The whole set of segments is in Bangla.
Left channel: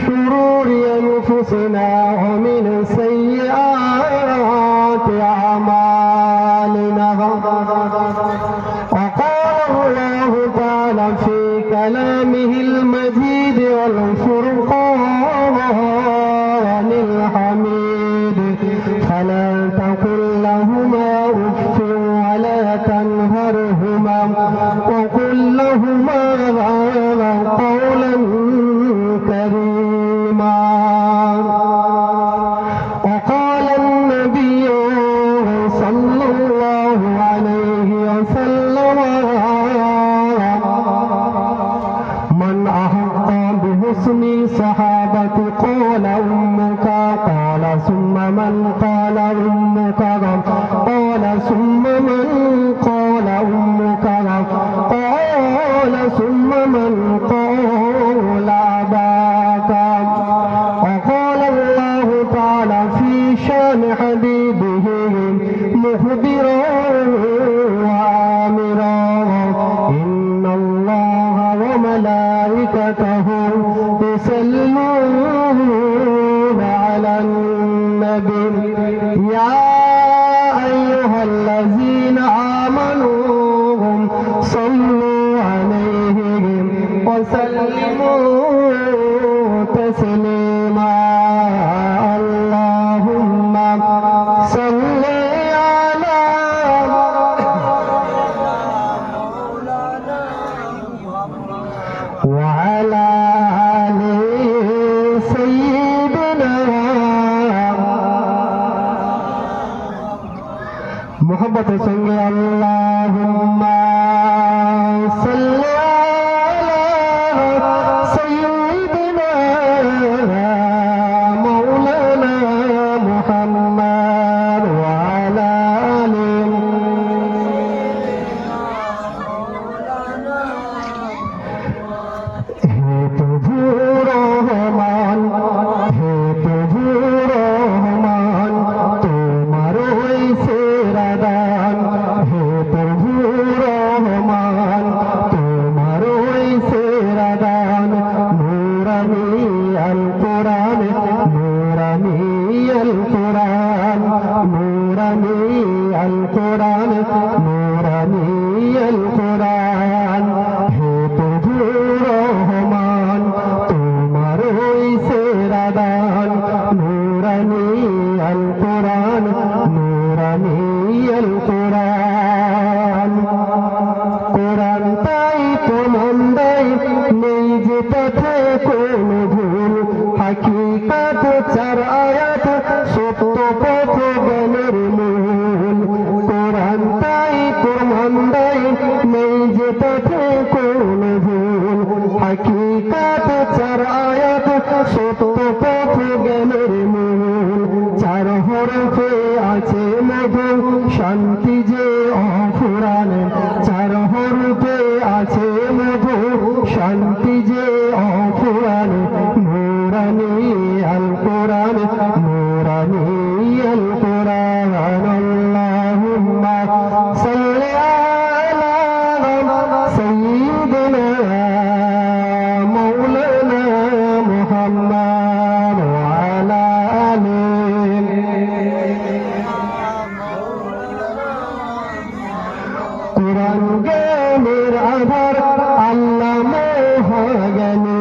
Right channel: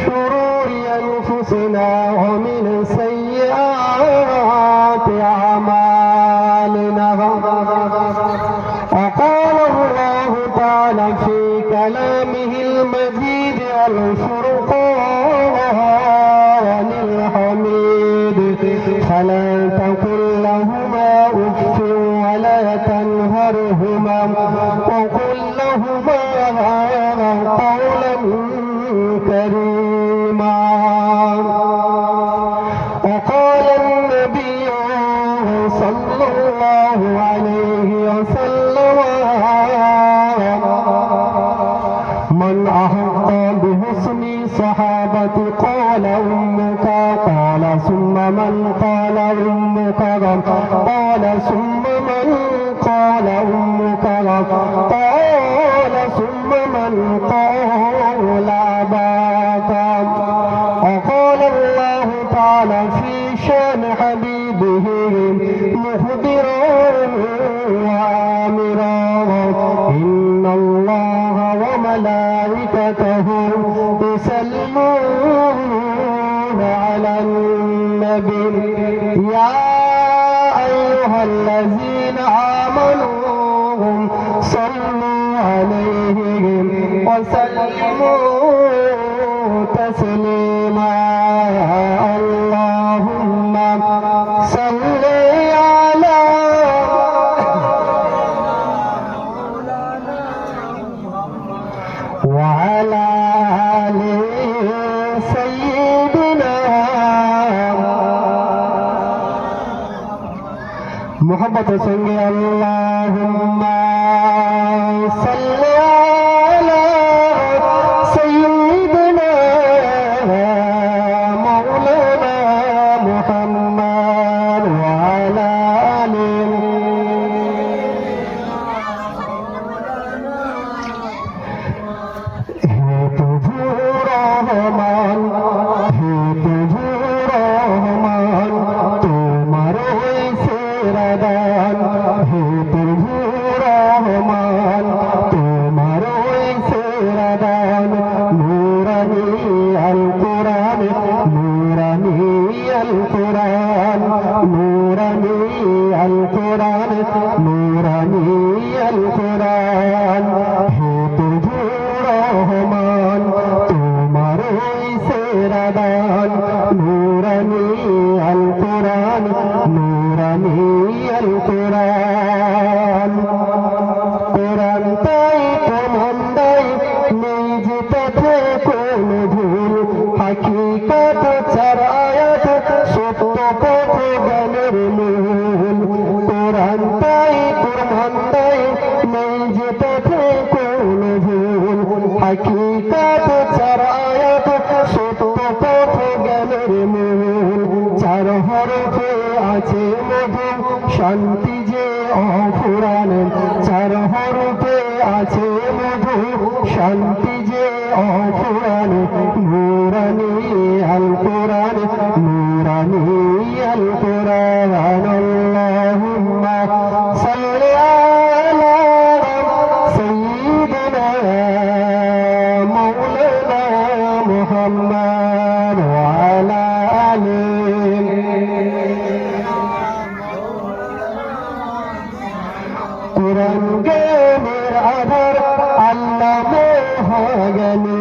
شرور أنفسنا ومن سيئات أعمالنا. وقال الله تعالى في كلامه المجيد والفرقان الحميد: فلا تقل لهما أف ولا تنهرهما وقل لهما قولا كريما. وقال النبي صلى الله عليه وسلم: من أحق بحسن صحابة قال أمك، قال ثم من، قال أمك، قال ثم من، قال أمك، قال ثم من، قال أباك. وقال الله تعالى في شان حبيبه مخبرا وآمرا: إن الله وملائكته يصلون على النبي يا أيها الذين آمنوا صلوا عليه وسلموا تسليما. اللهم صل على وعلى آل سيدنا محبت संगे اللهم صل على سيدنا مولانا محمد وعلى آله হে প্রভু রহমান, হে প্রভু রহমান, তোমার ওই সেরা দান। হে প্রভু রহমান, তোমার ওই সেরা দান। নূরানি আল কোরআন, নূরানি আল কোরআন, নূরানি আল কোরআন, নূরানি আল কোরআন। হে প্রভু রহমান, তোমার ওই সেরা দান। নূরানি আল কোরআন, নূরানি আল কোরআন। কোরআন তাই প্রমাণ দেয় নেই যে তাতে কোনো ভুল। হাকিকাত চার আয়াত সত্য পথ জ্ঞানের মূল। কোরআন তাই প্রমাণ দেয় নেই যে তাতে কোনো ভুল। হাকিকাত চার আয়াত সত্য পথ জ্ঞানের মূল। চার হরফে আছে মধু শান্তি যে অফুরান। চার হরফে আছে মধু শান্তি যে অফুরান। নূরানি আল কোরআন, নূরানি আল কোরআন। আল্লাহুম্মা সাল্লি আলা সাইয়্যিদিনা মাওলানা মুহাম্মদ ওয়া আলা আলিহি। কোরআন জ্ঞানের আধার, আল্লাহ মহাজ্ঞানী।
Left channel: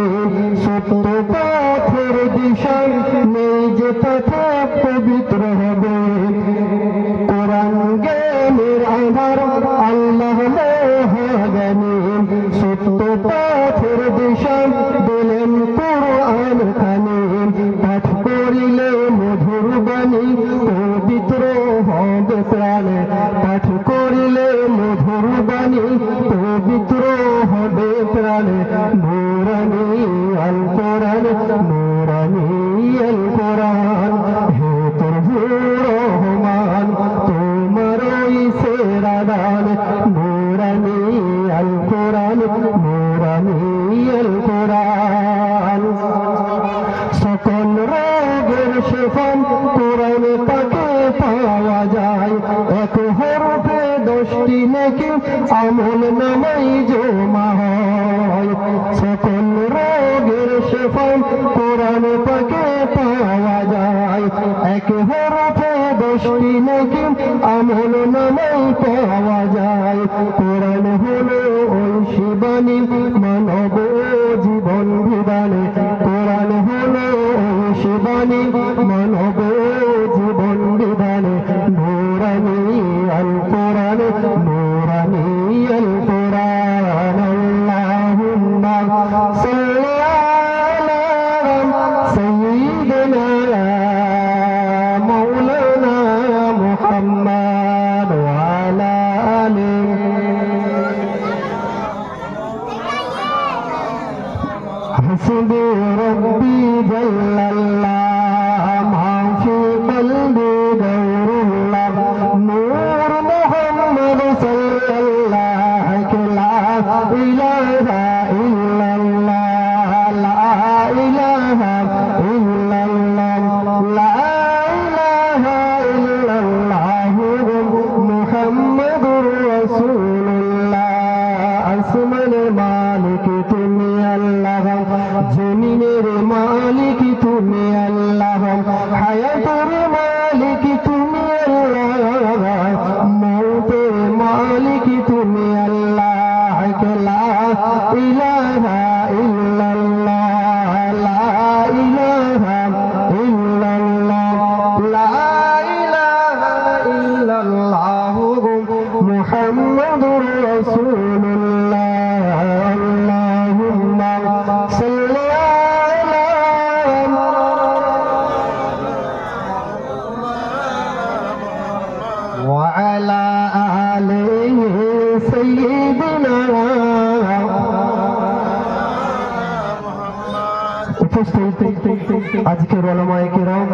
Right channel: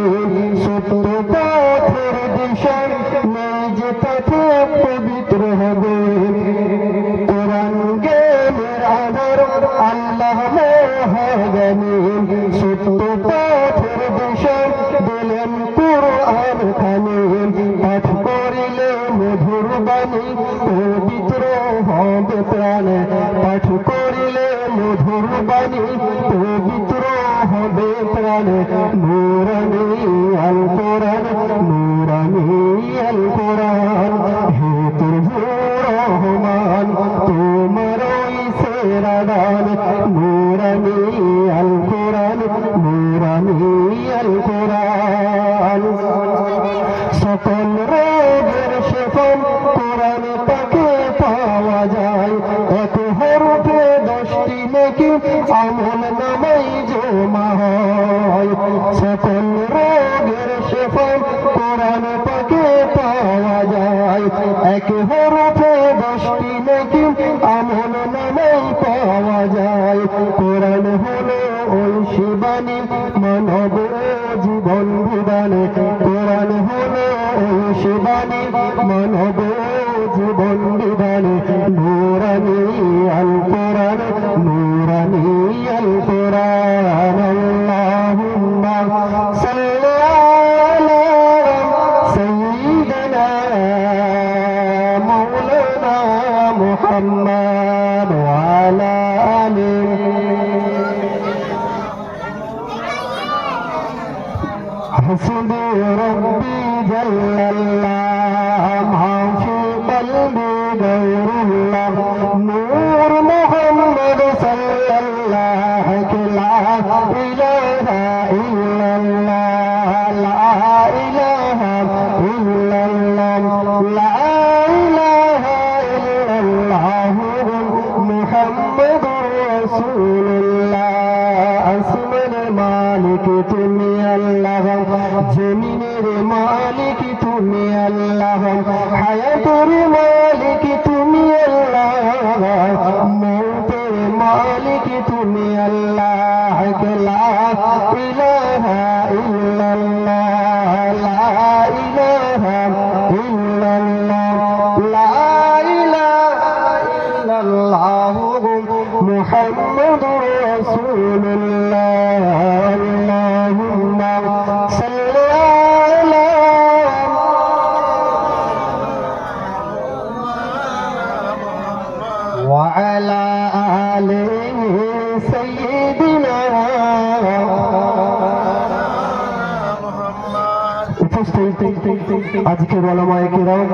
সত্য পথের দিশা নেই যে পথে পবিত্র হবে। কোরআন জ্ঞানের আধার, আল্লাহ মহাজ্ঞানী। সত্য পথের দিশা দিলেন কোরআন খানি। পাঠ করিলে মধুর বাণী পবিত্র হবে প্রাণ। পাঠ করিলে মধুর বাণী পবিত্র হবে প্রাণ। নূরানি আল কোরআন, নূরানি আল কোরআন। হে প্রভু রহমান, তোমার ওই সেরা দান। নূরানি আল কোরআন, নূরানি আল কোরআন। সকল রোগের শেফা কোরআন তাকে পাওয়া যায়। এক হরফে 10টি নেকি আমল নামাই জমা হয়। সকল রোগের শেফা কোরআন এক হরফে 10টি নেকি আমল নামেই পাওয়া যায়। কোরআন হলো ঐশী বাণী মানব জীবন বিধান। কোরআন হলো ঐশী বাণী মানব জীবন বিধান। নূরানী আল কোরআন, নূরানী আল কোরআন। আল্লাহুম্মা সাল্লি আলা সাইয়্যিদিনা মাওলানা মুহাম্মদ ওয়া আলা আলিহি। হাসবি রাব্বি জাল্লাল্লাহ মা ফি কলবি গায়রুল্লাহ। নূর মুহাম্মদ সাল্লাল্লাহু লা ইলাহা ইল্লাল্লাহ, লা ইলাহা ইল্লাল্লাহ, লা ইলাহা ইল্লাল্লাহ মুহাম্মাদুর রাসূলুল্লাহ। আসমানের মালিক তুমি আল্লাহ, জমিনের মালিক তুমি আল্লাহ, হায়াতের মালিক তুমি আল্লাহ, মৌতের মালিক তুমি আল্লাহ। লা ইলাহা ইল্লাল্লাহ, লা ইলাহা ইল্লাল্লাহ, লা ইলাহা ইল্লাল্লাহ মুহাম্মাদুর রাসূলুল্লাহ। আল্লাহুম্মা সাল্লি আলা ওয়া আলা আলিহি সাইয়্যিদিনা। উপস্থিত আজকের উলামায়ে কিরাম,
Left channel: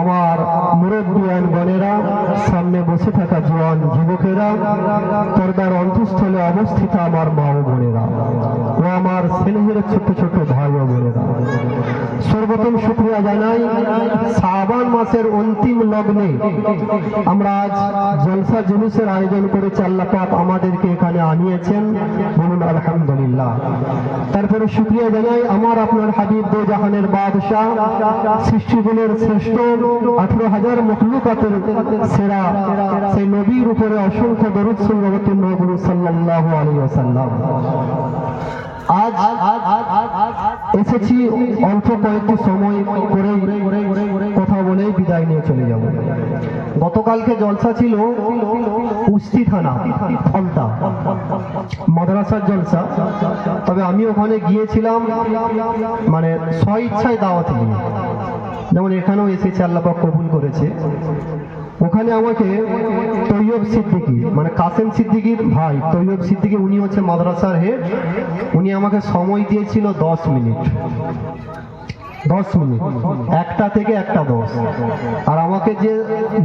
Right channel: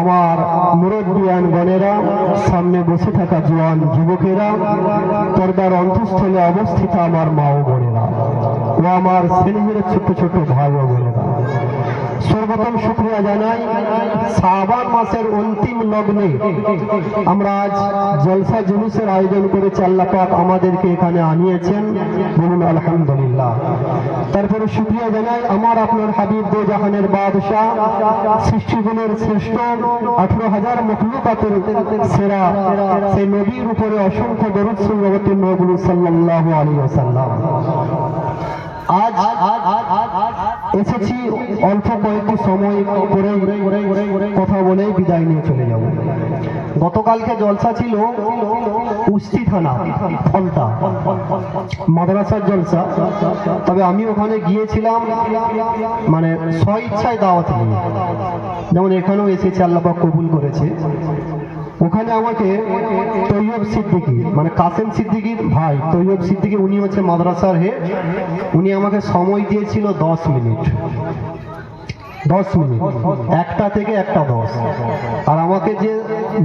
আমার মুরব্বিয়ান বোনেরা, সামনে বসে থাকা জওয়ান যুবকেরা, পর্দার অন্তঃস্থলে অবস্থিত আমার মা ও বোনেরা ও আমার স্নেহের ছোট ছোট ভাই ও বোনেরা, সর্বপ্রথম শুকরিয়া জানাই শাবান মাসের অন্তিম লগ্নে আমরা আজ জলসা জুলুসের আয়োজন করেছি। আল্লাহ পাক আমাদেরকে এখানে আনিয়েছেন, বলুন আলহামদুলিল্লাহ। তারপরে শুকরিয়া জানাই আমার আপনার হাবিব দো জাহানের বাদশাহ, সৃষ্টিগুলোর শ্রেষ্ঠ, 18,000 মখলুকাতের সেরা সেই নবীর উপরে অসংখ্য দরুদ অবতীর্ণ হলো সাল্লাল্লাহু আলাইহি ওয়াসাল্লাম। আজ এসেছি অল্প কয়েকটি সময় করে কথা বলেই বিদায় নিয়ে চলে যাব। গতকালকে জলসা ছিল কুস্তি থানা ফন্তা মাদ্রাসার জলসা, তবে আমি ওখানে গিয়েছিলাম মানে স্বইচ্ছায় দাওয়াত নিয়ে, যেমন এখানেও এসেছি, আল্লাহ পাক কবুল করেছে। ওখানে আমাকে তৈয়ব সিদ্দিকী মানে কাসেম সিদ্দিকীর ভাই তৈয়ব সিদ্দিকী, উনি হচ্ছে মাদ্রাসার হেড, উনি আমাকে সময় দিয়েছিল 10 মিনিট, 10 মিনিট, 1টা থেকে 1:10। আর আমাকে যে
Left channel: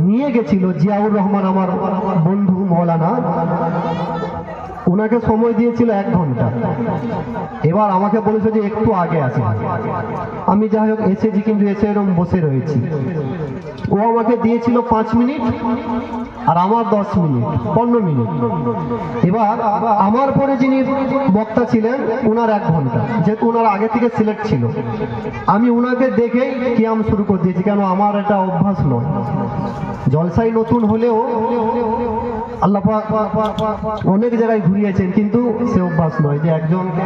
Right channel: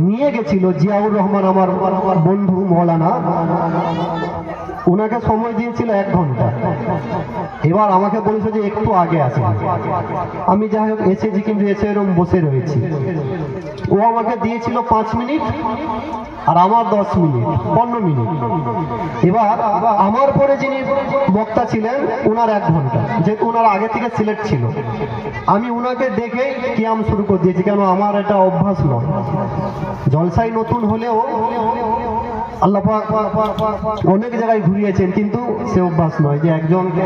নিয়ে গেছিল জিয়াউর রহমান আমার বন্ধু মৌলানা, ওনাকে সময় দিয়েছিল 1 ঘন্টা। এবার আমাকে বলেছে যে একটু আগে আসে। আমি যাই হোক এসেছি, কিন্তু এসে এরকম বসে রয়েছি। ও আমাকে দিয়েছিল 5 মিনিট আর আমার 10 মিনিট, 15 মিনিট। এবার আমার পরে যিনি বক্তা ছিলেন ওনার 1 ঘন্টা, যেহেতু ওনার আগে থেকে সিলেক্ট ছিল। আমি ওনাকে দেখেই কিয়াম শুরু করে দিয়েছি, কেন আমার এটা অভ্যাস নয়। জলসাই নতুন হলেও আল্লাহ পাক অনেক জায়গায় ঘুরিয়েছেন, কিন্তু সে অভ্যাস নয় যে একজনকে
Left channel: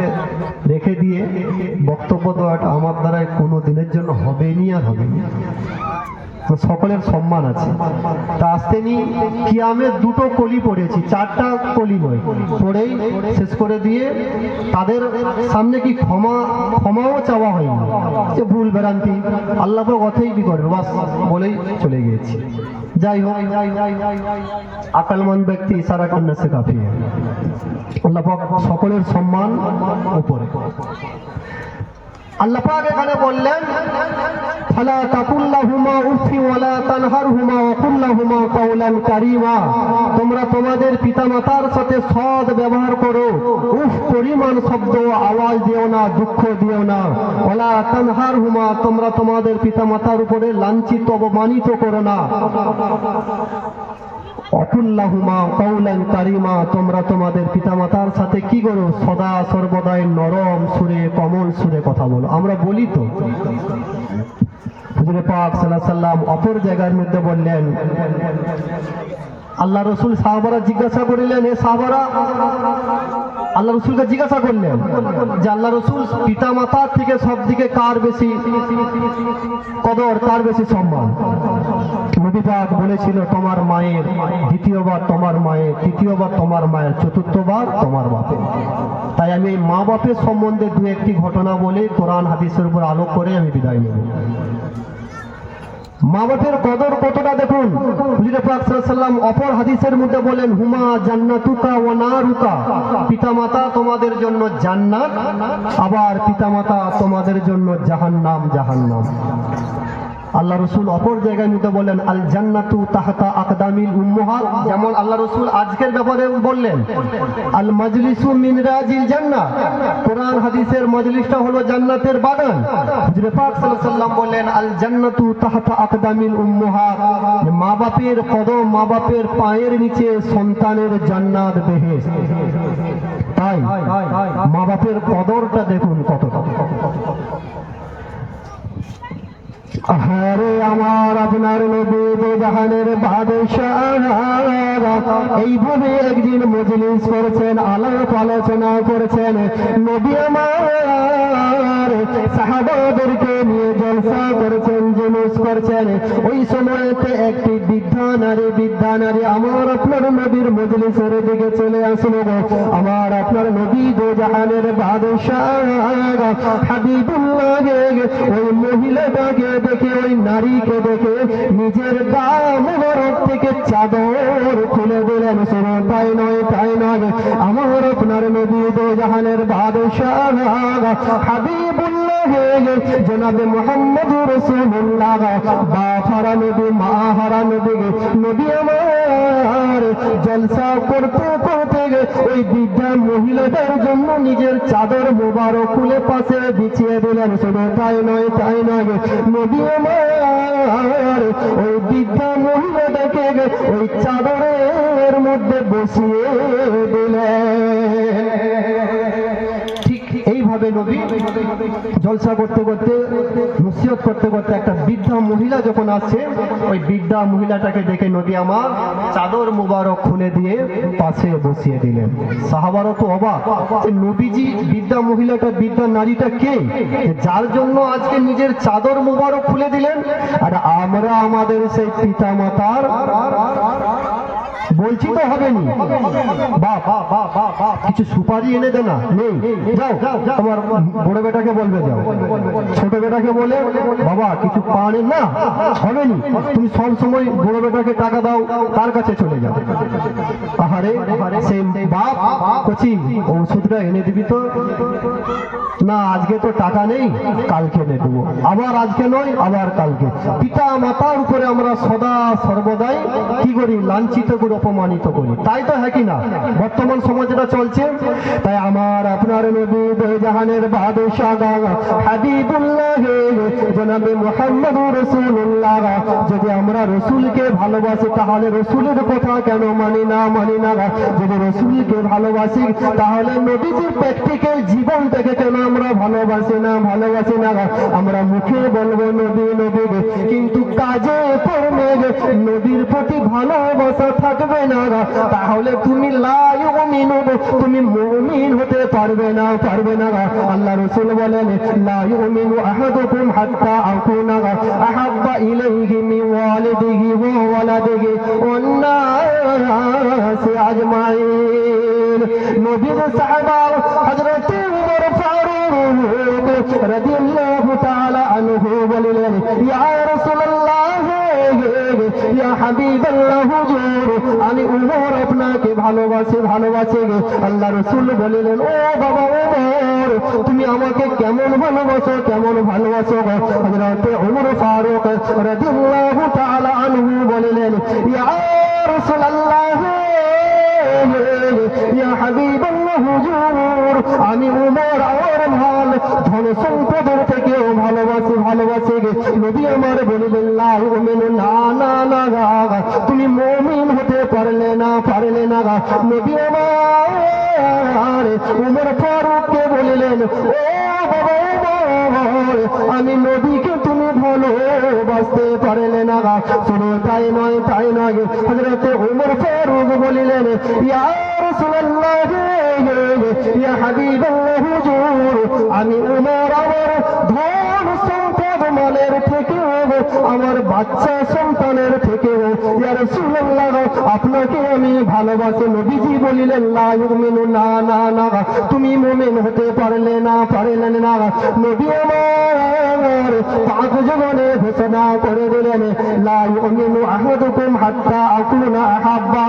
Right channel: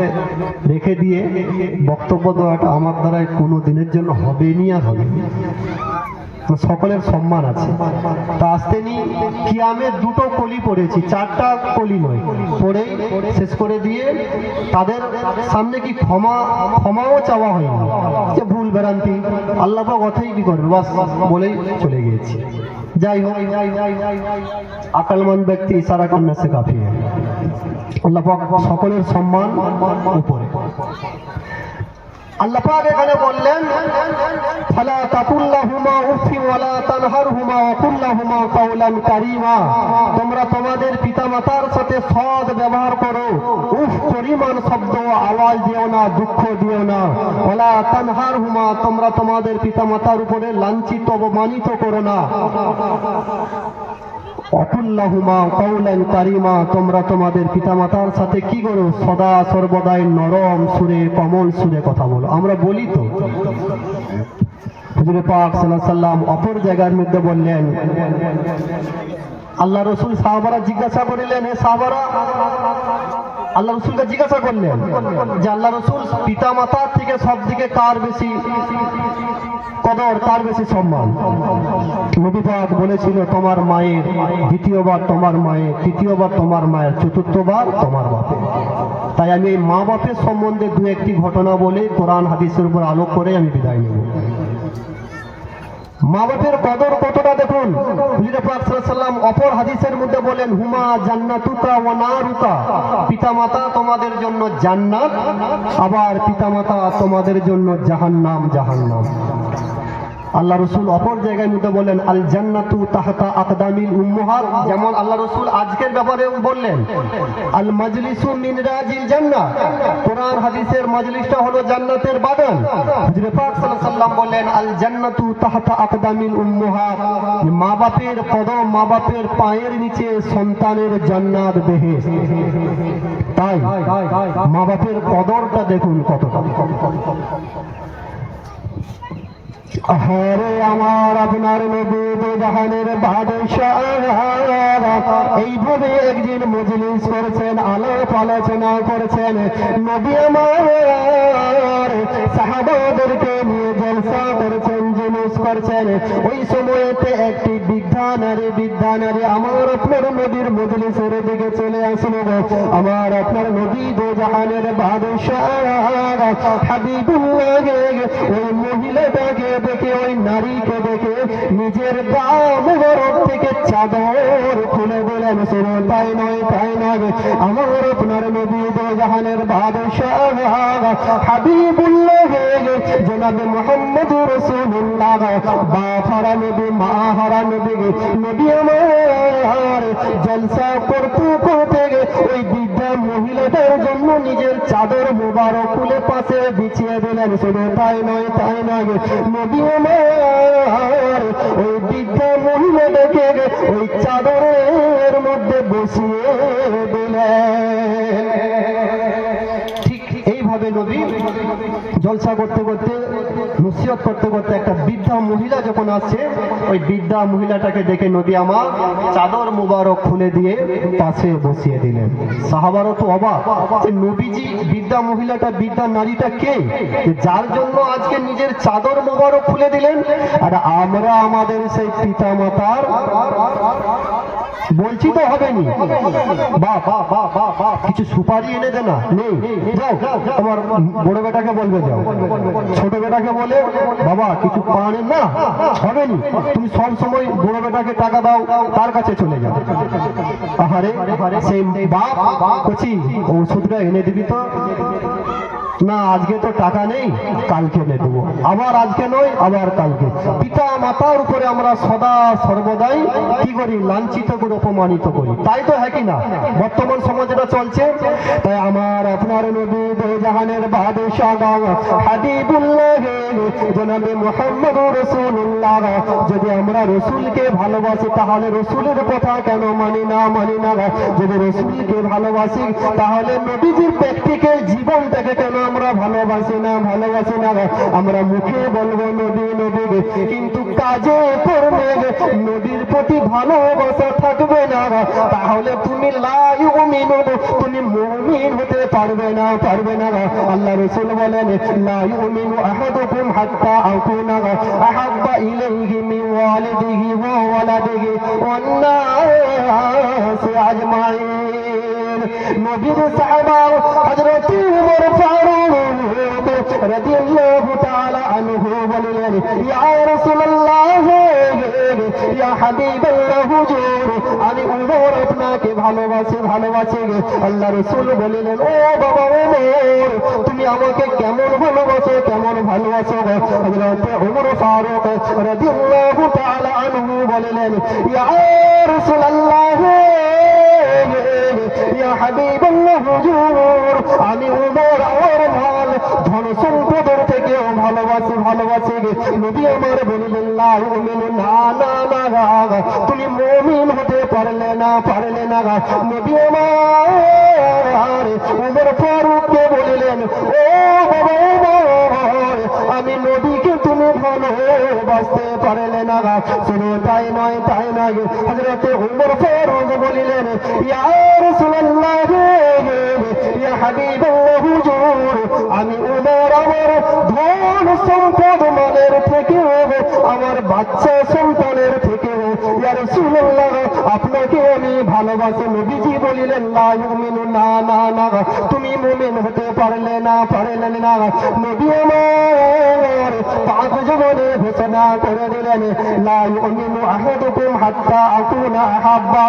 রেখে দিয়ে বক্তব্য দেওয়াটা আমার দ্বারাই কোনো দিনের জন্য হবেনি আর হবেনি। সকলের সম্মান আছে। তা আসতে নি কিয়ামে 2টো কলি পড়েছি, 4টা কলি নয়, পড়েই শেষ করে দিয়ে তাদের সামনে কি ক্ষমাও চাওয়া হয়নি যে ভুল ভ্রান্তি, আল্লাহ পাক অথই কি করবে বাস বলেই চলে গিয়েছি। যাই হোক, আকলমান ব্যক্তি ইশারা করলে সে কাফি। আল্লাহ পাক সকলের সম্মান উপরে। আল্লাহ পাক এখানে বললেন ফালা তাকুল্লাহুমা উফি ওয়ালা তানহারহুমা ওয়া কুল্লাহুমা কাওলান কারীমা, তোমরা তোমাদের পিতামাতার সাথে সৎ ব্যবহার করো, উফ পরিমাণ শব্দ আওয়াজ দিও না, দুঃখ দিও না। ওয়ালা তানহারহুমা, তোমরা তোমাদের পিতামাতার উপরে লাঞ্ছিত অপমানিত করো না। অকুল্লাহুমা কাওলান কারীমা, তোমরা তোমাদের পিতামাতার সাথে কি করো, সদা সর্বদাই নরম সুরে, কমল সুরে কথা বলো। আমরা বলি তো হুজুর পাক সাল্লাল্লাহু আলাইহি ওয়াসাল্লাম অপর জায়গার মধ্যে বললেন, আল্লাহ রসুল সাহাবারা জিজ্ঞাসা করিলেন, হে সাহাবারা, আল্লাহ রসুলকে জিজ্ঞাসা করলেন যে আল্লাহ রসুল পিতা মাতার থেকে সব দিকে কার বেশি কদর, কার বেশি সম্মান? নবী পাক বলেছিল, তোমার মায়ের, দ্বিতীয়বার তোমার মায়ের, তৃতীয়বার তোমার মায়ের, চতুর্থবার তোমার বাপের। তাই আমি এই মা বাপের সম্বন্ধে দু একটি ঘটনা বলে কোরআন হাদিসের উপর আলোক করে আমি বিদায় নেব। মা বাপের কদর কতটা দেখুন, হুজুর পাক সাল্লাল্লাহু আলাইহি ওয়াসাল্লাম অপর হাদিসের মধ্যে বলেন, হুমা জান্নাতুকা ওয়া নারুকা, পিতামাতা তোমাদের জন্য জান্নাত, আবার পিতামাতা তোমাদের জন্য জাহান্নাম, জাহান্নাম। আল্লাহ রসুল অপর জায়গায় মধ্যে বলেন, আল জান্নাতু তাহতা আকদামিল উম্মাহাত, যেমন আল্লাহ রসুল আজকের ব্যাপারে বললেন, আল মাজলিসু মিন রাজিল জান্নাহ, কোরআন হাদিসের মজলিসটা হলো জান্নাতের বাগান। হুজুর পাক সাল্লাল্লাহু আলাইহি ওয়াসাল্লাম বলেন, আল জান্নাতু তাহতা আকদামিল উম্মাহাত, মা বাপের কদম, মা বাপের পায়ের নিচে সন্তানের জান্নাত, বেহেশত। তাই মা বাপের কদরটা দেখুন কতটা। আরে আমার আপনার নবী জাহানের বাদশাহ এইভাবে একদিন মজলিস করেছেন, আলাপ আলোচনা করেছেন, নবী আমার সাহাবাদেরকে নিয়ে জলসা করেছেন, জুলুস করছেন। ওই সময়তে একটি বৃদ্ধা নারী আমার আপনার নবীর মজলিসের দিকে চলে আসলো। আমার আপনার নবী জাহানের বাদশাহ হাবিবুল্লাহ ওই মহিলাটাকে দেখে, ওই নারীকে দেখে নিজের গা মুবারক থেকে চাদর খুলে দিলেন। শুনো, তাই নয়, তাই নয়, আমার আপনার নবী জাহানের বাদশাহ হাবিবুল্লাহ জনাবে মুহাম্মদুর রাসূলুল্লাহ বাপ হারা নবী, মা হারা নবী, নবী আমার জলসা করতে করতে ওই বৃদ্ধা মহিলাদের জন্য নিজের চাদর মুবারক খুলে পাশে বিছিয়ে দিলেন। শুনে, তাই নয়, তাই নয়, নবী আমার ওই বৃদ্ধা মহিলাটাকে ওই চাদরের মধ্যে বসিয়ে দিলেন। ঠিক এইভাবে নবী জলসা করতে করতে, নসিহত করতে করতে একটা বৃদ্ধা মহিলা যখন আসছে, ওই বৃদ্ধা মহিলাটাকে দেখে নবী আমার চাদর মুবারক খুলে দিয়ে পাশে বসিয়ে দিলেন। সাহাবারও তো অবাক যে নবীজি, বৃদ্ধা মহিলাটা, বৃদ্ধা নারীটা কে, যার জন্য আজকে নিজের চাদর মুবারক খুলে দিলেন? আর আমরা আমাদের সেই পিতা মাতার বলছি তো হবেনি, বাপ কিছু সুপারি এনে দে না, নেই, যাও তোমার বড় বেটাকে বলবে, যাও ছোট বেটাকে বলে, বাবা কিছু পান না, হবেনি, তুমি সব সময় বড় বেটাকে টাকা দাও, তার কাছে চলে যাও। আহারে, সেই বাপ কচি ওষুধটা এনে দিবি তো, না আজকে তো টাকা নেই, কালকে এনে দেবো, আবার আজকে নয়, আবার কালকে। পিতা মাতার উপরে আমরা সদা সর্বদাই কি করি? লাঞ্ছিত করি, অপমানিত করি। তাই তো হ্যাঁ কি না বর্তমান সমাজ এটা চলছে? তাই আমার আপনার নবী জাহানের বাদশাহ হাবিবুল্লাহ জনাবে মুহাম্মদুর রাসূলুল্লাহ, যদি আমরা রসুলকে ভালোবাসি তাহলে রসুলের কথা কেন মানি না? যদি রসুলকে ভালোবাসি তাহলে নবীজির প্র্যাকটিক্যাল জীবনটাকে কেন আমরা ভালোবাসি না? আমরা মুখে বলবো নবী নবী, কিন্তু কাজে করবে নবীর প্রতি ভালোবাসা থাকবে না, তাহলে তুমি লা ইউমিনু, তুমি মুমিন হতে পারবে না। আল্লাহ রাসূল বলেন, লা ইউমিনু আহাদুকুম হাত্তা আকুনা আহাব্বা ইলাইহি মিন ওয়ালিদিহি ওয়া ওয়ালাদিহি ওয়ান নাস আজমাইন। নবীর সাহাবা হযরত ওমর ফারুক রাদিয়াল্লাহু তাআলা আনহু বললেন, ইয়া রাসূলুল্লাহ, ইয়া হাবিবাল্লাহ, হুজুর আমি ওমর আপনাকে ভালোবাসি। আল্লাহ রাসূল বললেন, ও বাবা ওমর, তুমি আমাকে কেমন ভালোবাসো? হযরত ওমর ফারুক রাদিয়াল্লাহু তাআলা আনহু বললেন, ইয়া রাসূলুল্লাহ, ইয়া হাবিবাল্লাহ, হুজুর আমি ওমর আর মাল ধন সম্পদের থেকে ভালোবাসি। নবী আমার বললেন, লা ইউমিনু, না, তুমি মুমিন হতে পারলে না। নবী আমার ওমর ফারুককে বললেন, ও বাবা ওমর, আমি নবীকে তুমি জীবনে ভালোবাসতে পারলে না। শুধু তাই নয় হযরতে ওমর ফারুক বলিলেন, ইয়া রাসূলুল্লাহ, ইয়া হাবিবাল্লাহ, হুজুর, আমি ওমর আমার ধন সম্পদ মালের থেকে, আমার বাচ্চা সন্তানের থেকে, ইয়া রাসূলুল্লাহ, আপনাকে আমি ভালোবাসি। নবীজি বলিলেন, লা ইউমিনু, না না না, তুমি মুমিন হতে পারলেন না। নবী আমার পাক জবানে ঘোষণা করে দিলেন, লা ইউমিনু আহাদুকুম হাত্তা আকুনা আহাব্বা।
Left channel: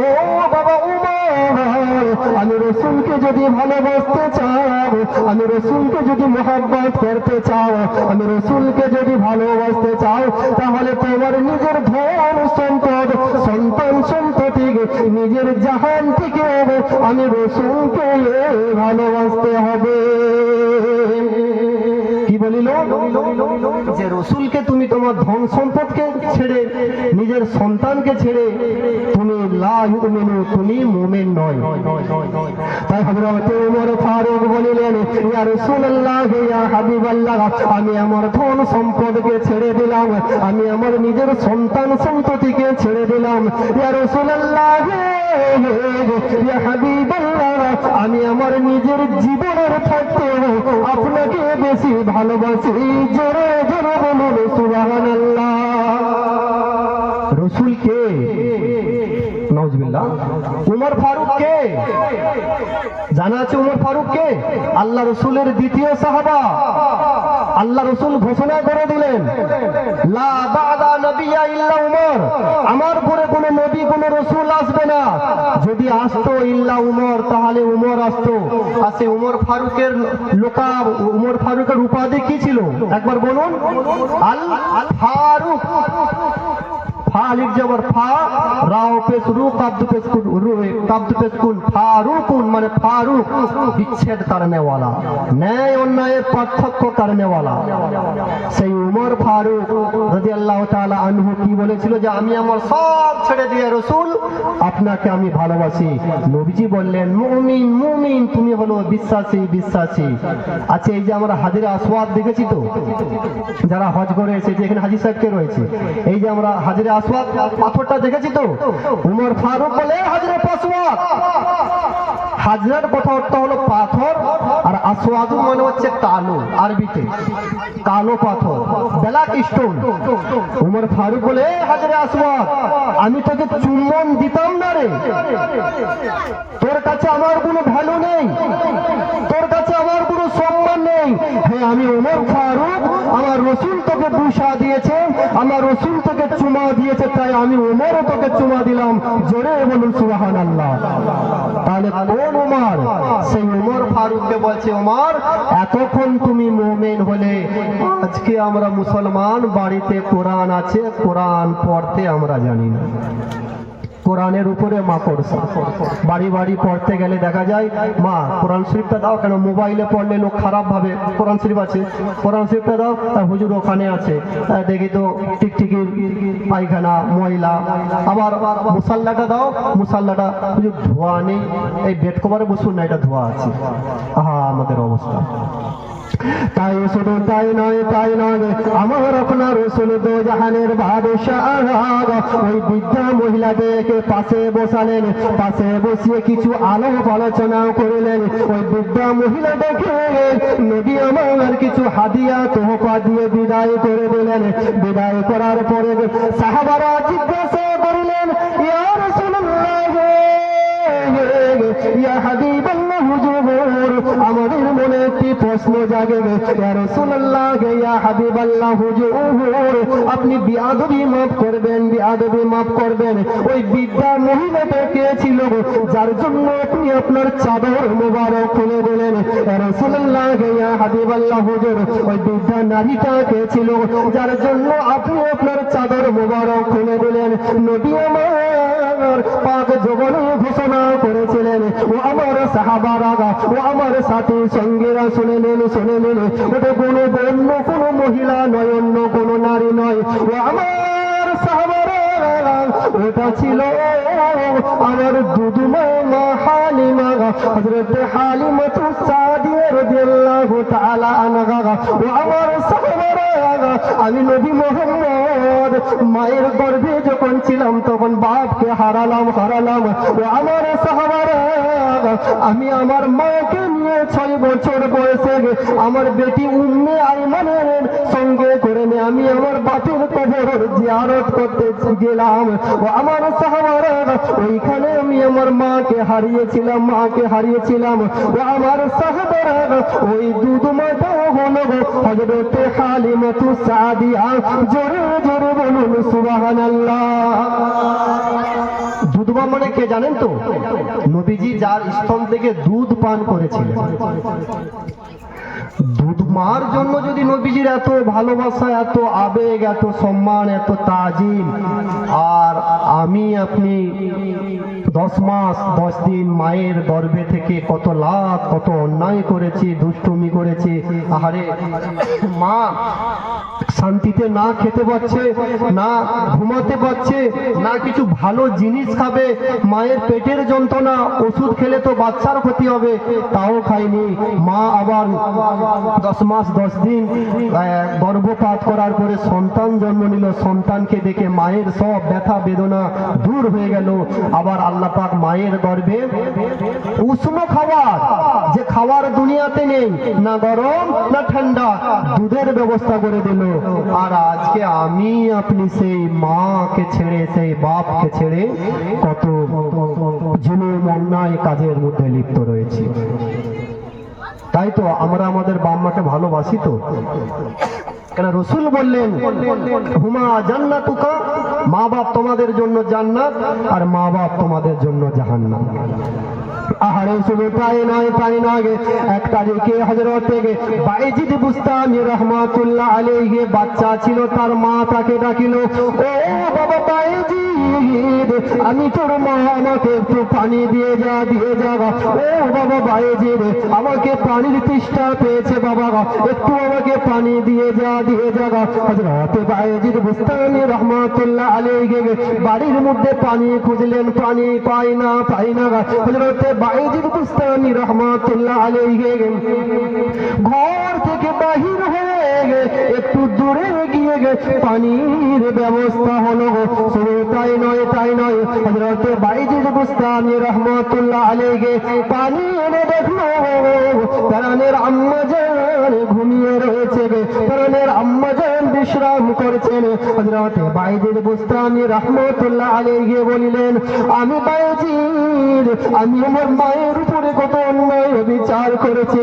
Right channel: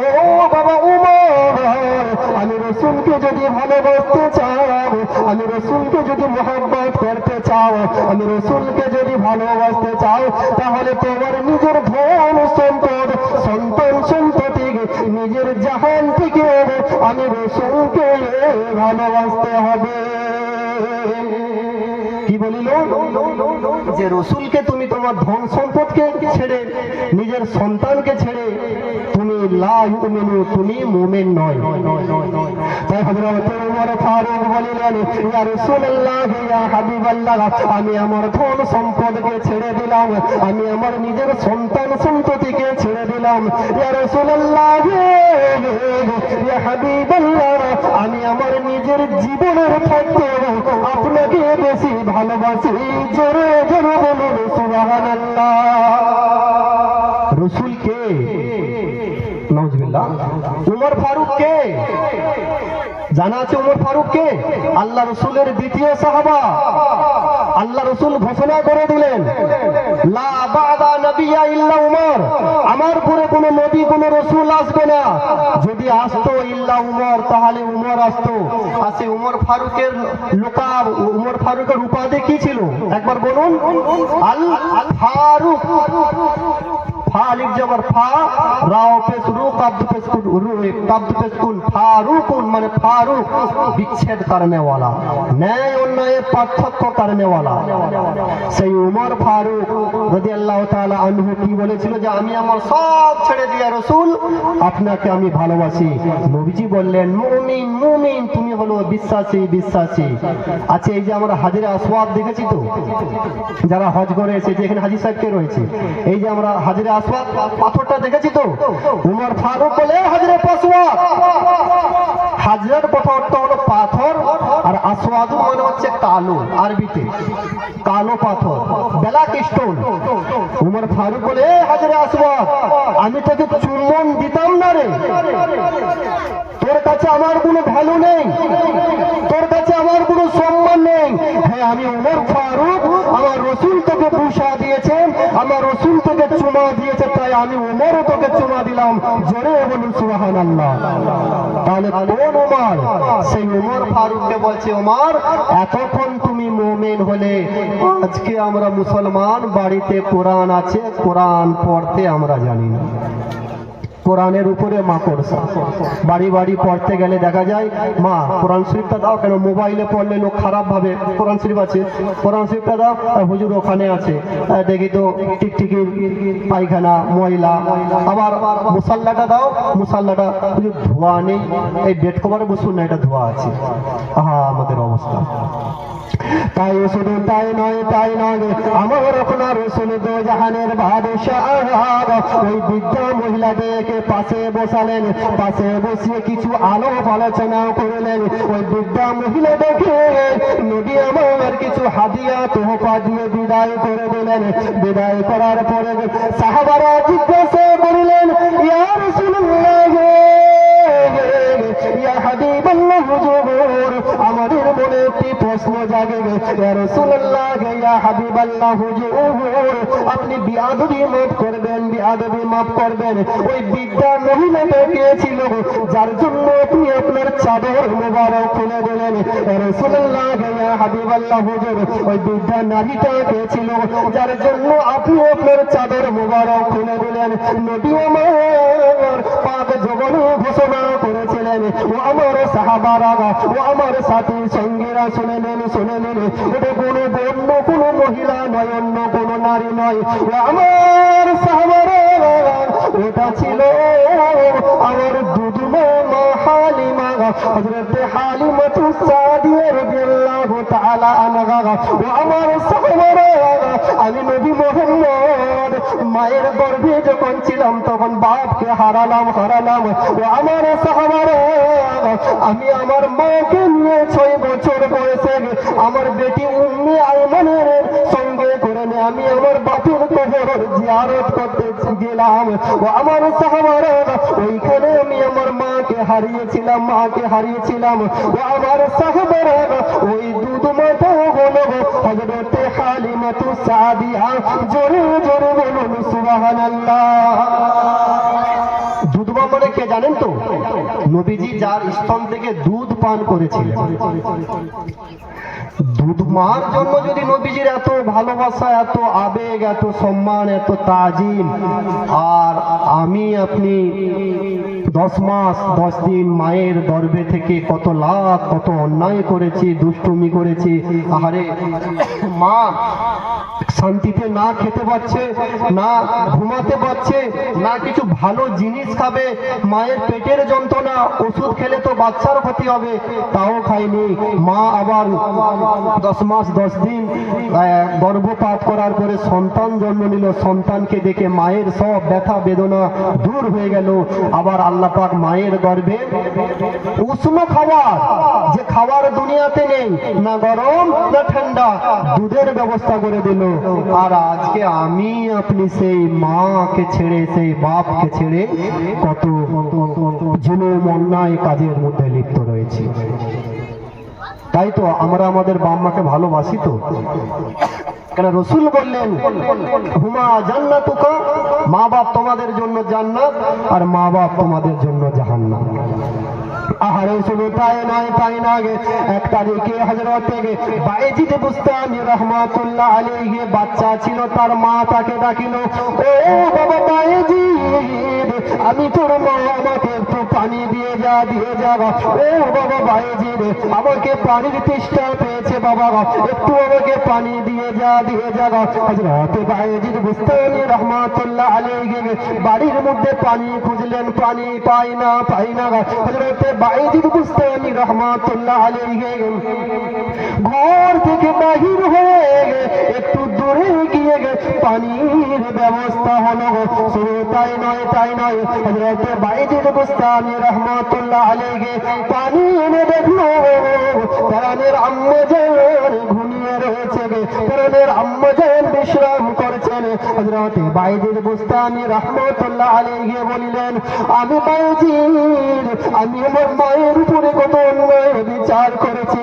ও বাবা উমর, আমি রাসূলকে যদি ভালোবাসতে চাও, আমি রাসূলকে যদি মহব্বত করতে চাও, আমি রাসূলকে যদি ভালোবাসতে চাও, তাহলে তোমার নিজের ধন সম্পদ, সন্তান সন্ততি, নিজের জাহান থেকে আমি রাসূলকে ভালোবাসতে হবে। কি বলিল? যে রাসূলকে তুমি তোমার ধন সম্পদকে ছেড়ে, নিজের সন্তানকে ছেড়ে তুমি লা ইউমিনু, তুমি মুমিন নয়। তাই হযরত ওমর ফারুক বলিলেন, ইয়া রাসূলুল্লাহ, ইয়া হাবিবাল্লাহ, আমি আমার ধন সম্পদকে ছেড়ে দিলাম, আমি আমার নিজের সন্তান সন্ততিকে ছেড়ে দিলাম। ইয়া রাসূলুল্লাহ, ইয়া হাবিবাল্লাহ, আমি আমার নিজের জীবনের থাকতে আপনাকে বেশি ভালোবাসি। জোরে জোরে বলুন সুবহানাল্লাহ। রাসূল কে? নাউজুবিল্লাহ। ওমর ফারুক কে? জানা আছে ওমর ফারুক কে? আল্লাহ রাসূলের দ্বিতীয় সাহাবা। আল্লাহ রাসূল ঘোষণা করে দিলেন, লা বা'দা নবিয়্যা ইল্লা উমর, আমার পরে কোনো নবী কোনো রাসূল আসবে না। যদি আসতো ইল্লা উমর, তাহলে উমর আসতো। আসে উমর ফারুকের লোকাব, উমর ফারুকের উপাধি কি ছিল একবার বলুন? আল ফারুক। ফালিক জবর ফা, রাও পেশ রু, কাব্দ পেশ রু, কাব্দ পেশ কুন, ফারুকুন মানে ফারুক, বিচ্ছেদ करने वाला, ন্যায় অন্যায়ের পার্থক্য करने वाला। সেই উমর ফারুক রাদিয়াল্লাহু তাআলা আনহু কি বলেছিল, যে আমি আমার সব ছেড়ে দিয়ে রাসূল আপনাকে আমি ভালোবাসি। নবীজি বললেন, মুমিন মুমিন, তুমি হলো বিশ্বাসী বিশ্বাসী। আচ্ছা, এই যে আমরা হাজরে আসওয়াদ দেখেছি তো, যারা হজ করে এসেছে, এখানে হাজী সাহেব কে রয়েছে, এই যে আমরা হাজরে আসওয়াদ পাথরটা দেখেছি তো, উমর ফারুক বলে হাজরে আসওয়াদ। হাজরের কথা অর্থ হলো পাথর, আর আসওয়াদ মানে হচ্ছে কালো, আরবিতে কালো পাথর, ব্ল্যাক স্টোন। উমর ফারুক বলে, হাজরে আসওয়াদ, আমি তোকে চুম্বন দিতাম না রে, তোর কাছে আমার কোনো ভ্যালু নেই, তোর কাছে আমার কোনো সম্মান নেই। হ্যাঁ, আমি উমর ফারুক, আমার রাসূল তোকে বুশা দিয়েছে, আমার রাসূল তোকে চুমা দিয়েছে, তাই আমি উমরও তোকে চুমা দিলাম। জোরে বলুন সুবহানাল্লাহ। তাহলে কোন উমর? সেই উমর ফারুককে বলছে, উমর, এতক্ষণ তুমি মুমিন হলে, আজকে আমরা মুসলমান, বাড়িতে কোরআন আছে, কোরআন পড়তে আমরা জানি না। কোরআনের উপরে মাকড়সা, বাড়ি বাড়ি পড়তে গেলে দেখা যায়, মা কোরআন শরীফটা দাও, কেন মোবাইলে পড়লে লোক খারাপ ভাবে, কোরআন শরীফ আছে, কোরআন শরীফটা দাও, হুজুর ওখানে আছে, দেখি তো টিকটিকির পায়খানা ময়লা। আবার মুসাল্লাটা দাও, মুসাল্লাটা হুজুর ধোয়া নেই, এই বেড কভারে বসুন না, এটা ধোয়া আছে। আমাদের অবস্থা তাই শুধু তাই নয় আমার আপনার রাসূল দো জাহানের বাদশাহ, ওই বৃদ্ধা মহিলাদেরকে পাশে বসালেন, পাশে বসিয়ে কিছু আলাপ আলোচনা করলেন। ওই বৃদ্ধা মহিলা দেখে নবী আমার কিছু হাদিয়া তোহফা দিয়ে বিদায় করে দিলেন। বিদায় করার পরে সাহাবারা জিজ্ঞাসা করলেন, ইয়া রাসূলুল্লাহ, ইয়া হাবিবাল্লাহ, হুজুর, আমাদের মনে একটি প্রশ্ন জাগে, ইয়া রাসূলুল্লাহ, ইয়া হাবিবাল্লাহ, হুজুর, আপনি বিআদবি মাফ করবেন, বিআদবি মাফ করবেন। ওই বৃদ্ধা মহিলাটা কে ছিল, যার জন্য আপনি আপনার চাদর মোবারক খুলে দিলেন? ইয়া রাসূলুল্লাহ, ইয়া হাবিবাল্লাহ, হুজুর, ওই বৃদ্ধা নারীটা কে ছিল, যার জন্য আপনি আপনার চাদর মোবারক খুলে দিলেন? নবী আমার পাক জবানে ঘোষণা করেছিলেন, ও আমার সাহাবারা, ও আমার সাথী সঙ্গীরা, শুনে নিন, ওটা কোনো অন্য কোনো মহিলা নয়, অন্য কোনো নারী নয়, ও আমার সাহাবারা, ওটা ছিল আমার দুদুমা মা হালিমা, হযরত হালিমাতুস সাদিয়া রাদিয়াল্লাহু তাআলা আনহা। ও আমার সাহাবারা, আমি নবী মোহাম্মদ মায়ের গর্ভে যখন ছিলাম তখন বাপকে হারালাম। ও আমার সাহাবারা, আমি আমার মাকে নিয়ে 6 বছর বয়সে আমার বেটি উম্মে আইমানের সঙ্গে করে নিয়ে আমি আমার বাপের কবর জিয়ারত করতে গেলাম। ও আমার সাহাবারা, ওইখানে আমি আমার মাকে হারিয়েছিলাম। ও আমার সাহাবারা, ওই দুধ মাতা হলো হযরতে হালিমাতু সাদিয়া। জোরে জোরে বলুন সুবহানাল্লাহ। দুধমা মানে কে জানেন তো? নবীজি যার স্তন থেকে দুধ পান করেছিলেন। দুধ মার জন্য যদি নবীজির এত ভালোবাসা, এত আবেগ, এত সম্মান, এত তাজিম, আর আমি আপনি 10 মাস 10 দিন মায়ের গর্ভে থেকে কত লাখ কত অন্যায় করেছি, দুষ্টুমি করেছি। আহারে মা শান্তিতে না খেতে পাচ্ছে, না ঘুমাতে পারছে, না কিছু ভালো জিনিস খাবে, মায়ের পেটের যন্ত্রণা, ওষুধ খেলে তো বাচ্চার ক্ষতি হবে, তাও খায়নি। মা আবার 10 মাস 10 দিন গর্ভপাত করার পরে সন্তান জন্ম নিল। সন্তানকে দেখে মায়ের সব ব্যথা বেদনা দূর হয়ে গেল। আবার আল্লাহ পাক মায়ের গর্ভে উষ্ণ খাবার, যে খাবার দুনিয়াতে নেই, না গরম না ঠান্ডা, দুধের ব্যবস্থা করে দিল। আর আজকে আমি আপনি সেই মাকে ছেড়ে, সেই বাপকে ছেড়ে কত জুলুম অন্যায় কাজের মধ্যে লিপ্ত রয়েছি। তাই তো আমরা আমাদের বাপ মাকে ভালোবাসি তো। কেন রসুল বললেন হুমা জান্নাতুকা, মা বাপ তোমাদের জন্য জান্নাত আর মা বাপ তোমাদের জন্য জাহান্নাম। আহারে শুধু তাই নয় 1 তারিখে হযরত বায়েজিদ বুস্তামি রাহমাতুল্লাহ আলাইহি বাচ্চা ছিল, তার মা তাকে ডাকিল, ও বাবা বায়েজিদ, আমি তোর মা, আমাকে একটু পানি দিয়ে যা। ও বাবা বায়েজিদ, আমাকে পানির তেষ্টা পেয়েছে বাবা, একটু আমাকে পানি দিয়ে যা। হযরত বায়েজিদ বুস্তামি রাহমাতুল্লাহ আলাইহি বাড়ির মধ্যে পানি খুঁজলেন, পানি পাই না। হযরত বায়েজিদ বুস্তামি রাহমাতুল্লাহ আলাইহি ঘর থেকে বাহির হয়ে একটু দূরে গিয়ে পানির ব্যবস্থা হলো। শুধু তাই নয় হযরত বায়েজিদ বুস্তামি রাহমাতুল্লাহ আলাইহি পানি এনে দেখলো প্রাণের আম্মাজান ঘুমিয়ে রয়েছে, প্রাণের আম্মাজান বিশ্রাম করছেন। হযরত বায়েজিদ বুস্তামি রাহমাতুল্লাহ আলাইহি বলিলেন, আমি বায়েজিদ, আমি আমার মায়ের উপরে কত অন্যায় বিচার করেছি,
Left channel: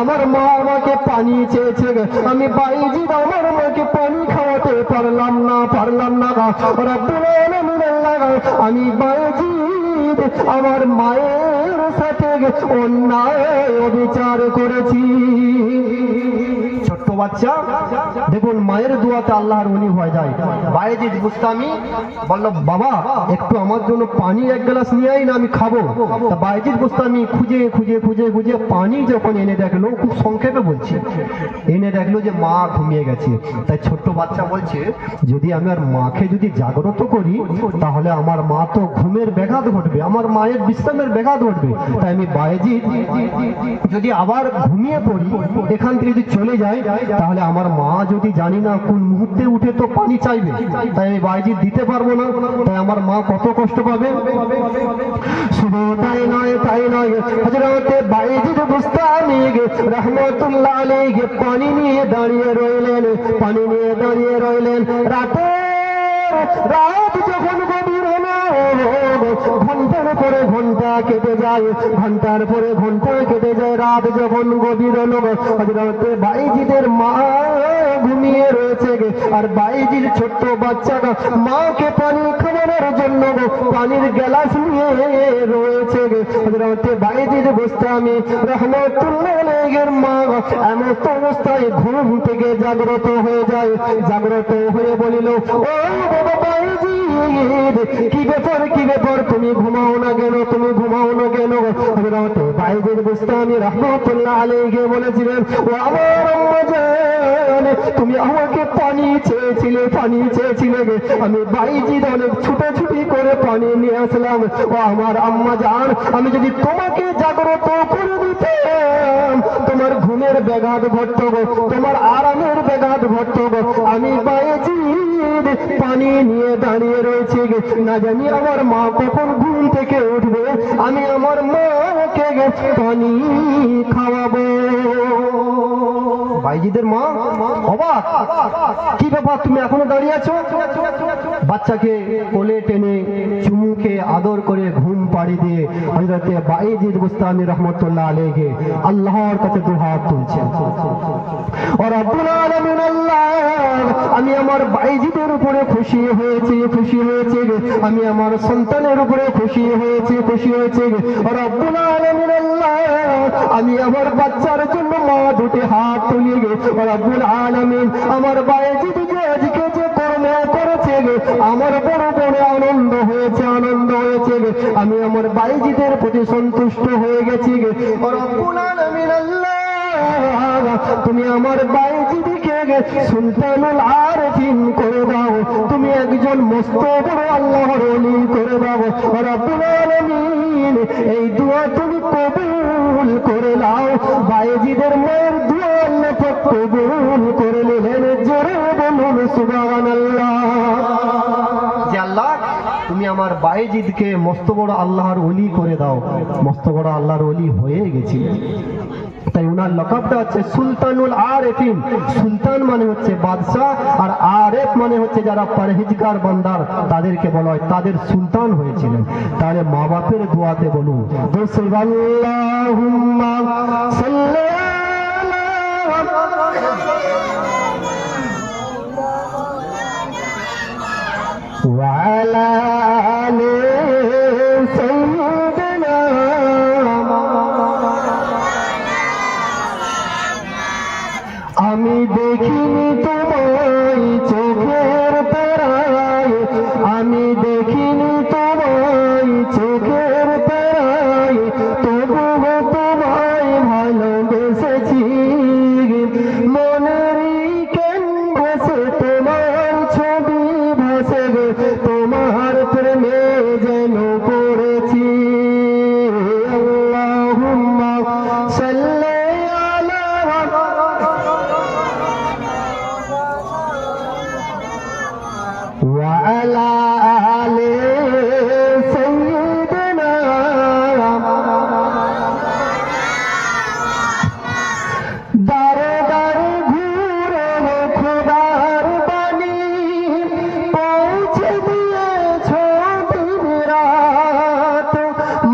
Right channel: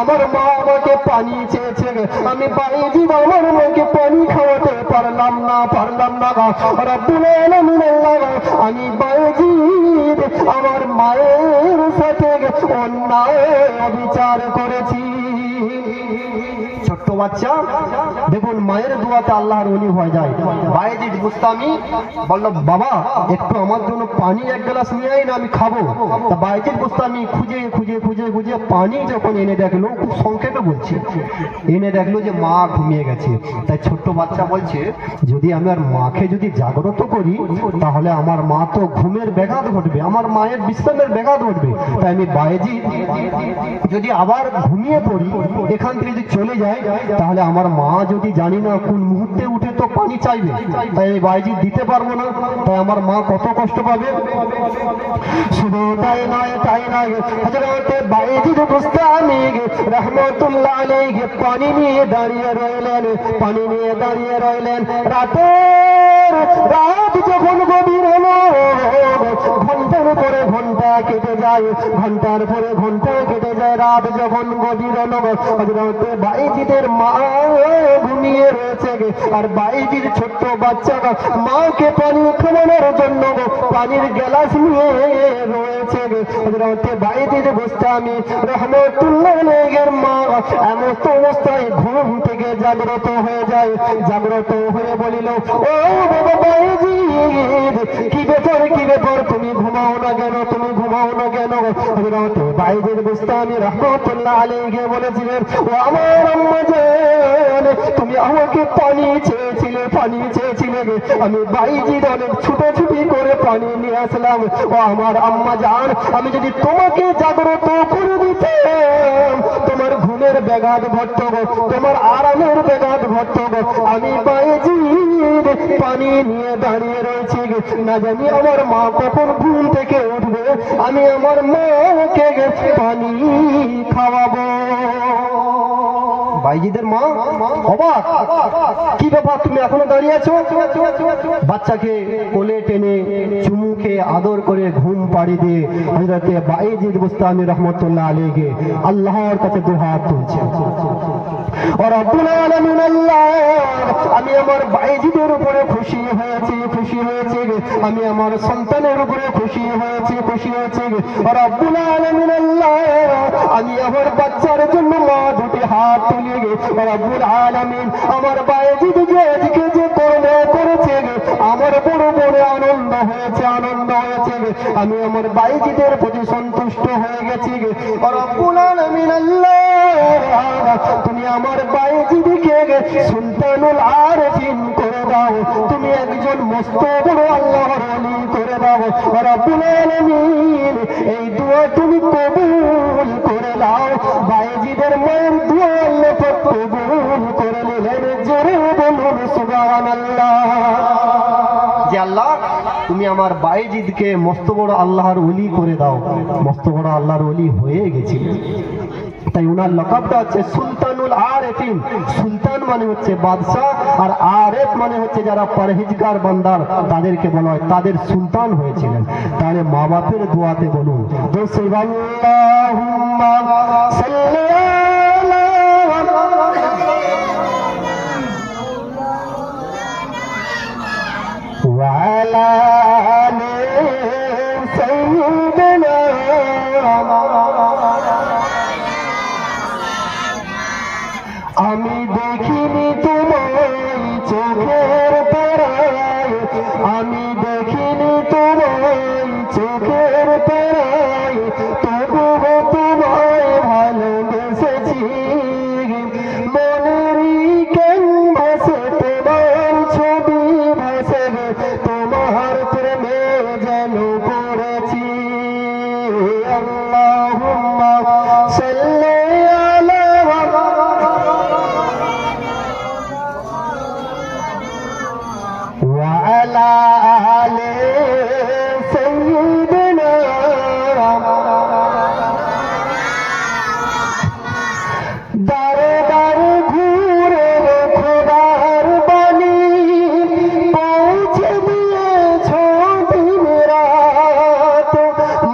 আমার মা আমাকে পানি চেয়েছে, আমি বায়েজিদ আমার মাকে পানি খাওয়াতে পারলাম না। রব্বুল আলামিন আল্লাহ, আমি বায়েজিদ আমার মায়ের সাথে অন্যায় বিচার করেছি। ছোট্ট বাচ্চা দেখুন মায়ের দোয়াতে আল্লাহর ওলি হয়ে যায়। বায়েজিদ বুস্তামি বলল, বাবা একটু আমার জন্য পানি 1 গ্লাস নিয়ে আই না, আমি খাবো। বায়েজিদ বুস্তামি খুঁজে পানি যখন এনে দেখলো, খুব সংক্ষেপে বলছি, এনে দেখলো যে মা ঘুমিয়ে গেছে। তাই ছোট্ট বাচ্চা বলছে, যদি আমি আর মাকে যদি জাগ্রত করি তাহলে আমার মা তো ঘুমের ব্যাঘাত ঘটবে, আমার মায়ের বিশ্রামের ব্যাঘাত ঘটবে। তাই আমি বায়েজিদ যদি আবার ঘুমিয়ে পড়ি, এখান থেকে যদি চলে যাই, তাহলে আমার মা যদি জানি না কোন মুহূর্তে উঠে তো পানি চাইবে, তাই আমি বায়েজিদ দিতে পারবো না, তাই আমার মা কত কষ্ট পাবে। শুধু তাই নয় হযরত বায়েজিদ বুস্তামি রাহমাতুল্লাহ আলাইহি পানি নিয়ে দাঁড়িয়ে রইলেন। রাত যখন গভীর হলো, ঘন্টার পরে ঘন্টা কেটে যায়, রাত যখন গভীর হলো, হযরত বায়েজিদের মা ঘুমিয়ে রয়েছে, আর বায়েজির ছোট্ট বাচ্চাটা মাকে পানি খাওয়ানোর জন্য পানির গ্লাস নিয়ে রয়েছে। হযরত বায়েজিদ বুস্তামি রাহমাতুল্লাহ আলাইহির মা এমন অবস্থায় ঘুম থেকে জাগ্রত হয়ে বলিল, ও বাবা বায়েজিদ, কি ব্যাপার, তুমি ঘুমাও না কেন? হযরত বায়েজিদ বুস্তামি রাহমাতুল্লাহ আলাইহি বলেছিলেন, ও আমার আম্মাজান, তুমি আমাকে পানি চেয়েছিলে, আমি বায়েজিদ অনেক ছুটাছুটি করে পানি নিয়ে আসলাম। ও আমার আম্মাজান, আমি যদি তোমাকে জাগ্রত করে দিতাম, তোমার ঘুমের ব্যাঘাত ঘটতো গো, তোমার আরামের ব্যাঘাত ঘটতো গো। আমি বায়েজিদ পানি নিয়ে দাঁড়িয়ে রয়েছি গো, না জানি আমার মা কখন ঘুম থেকে উঠবে, আমি আমার মাকে পানি খাওয়াবো। বাইজিদের মা অবাক, কি ব্যাপার তুমি এখনো দাঁড়িয়ে আছো? বাচ্চাকে কোলে টেনে চুমুকে আদর করে ঘুম পাড়ি দিয়ে হযরত বাইজিদ বুস্তামি রহমাতুল্লাহ আলাইহি আল্লাহর কাছে দুহাত তুলছেন। আর রব্বুল আলামিন আল্লাহ, আমি আমার বাইজিদের উপরে খুশি হয়েছি, খুশি হয়েছে, আমি আমার সন্তানের উপরে খুশি হয়েছি, খুশি হয়েছে। আর রব্বুল আলামিন আল্লাহ, আমি আমার বাচ্চার জন্য মা দুটি হাত তুলে গে। রব্বুল আলামিন আমার বাইজিদ যে আজকে যে কর্ম করেছে আমার বড় বড় আনন্দ হয়েছে, আনন্দ হয়েছে। আমি আমার বাইজিদের প্রতি সন্তুষ্ট হয়ে গেছি। রব্বুল আলামিন আল্লাহ, তুমি আমার বাইজিদকে সুলতানুল আরিফিন করে দাও, তুমি একজন মস্ত বড় আল্লাহর ওলি করে দাও। রব্বুল আলামিন এই দোয়া তুমি কবুল করে নাও। বাইজিদের মায়ের দোয়া আল্লাহ কবুল করে নিলেন। জোরে বলুন সুবহানাল্লাহ। যে আল্লাহ তুমি আমার বাইজিদকে মস্ত বড় আল্লাহর ওলি করে দাও। মস্ত বড় আল্লাহর ওলি হয়ে গেছিল, তাই উনার লকবটা হচ্ছে সুলতানুল আরিফিন। সুলতান মানে হচ্ছে বাদশাহ, আর আরেফ মানে হচ্ছে যারা পরহেজগার বান্দার তাদেরকে বলা হয়, তাদের সুলতান হয়েছিলেন। তাহলে মা বাপের দোয়াতে বলুন আল্লাহুম্মা সাল্লি আলা আমি দেখিনি তোমায় চোখের তারায়, আমি দেখিনি তোমায় চোখের তারায়, তবুও তোমায় ভালোবেসেছি। মনেরই ক্যানভাসে তোমার ছবি ভাসে, তোমার প্রেমে যেন পড়েছি। আল্লাহুম্মা সাল্লি وعلى آل سيدنا দারে দারে ঘুরে খোদার বাণী পৌঁছে দিয়েছ দিন রাত,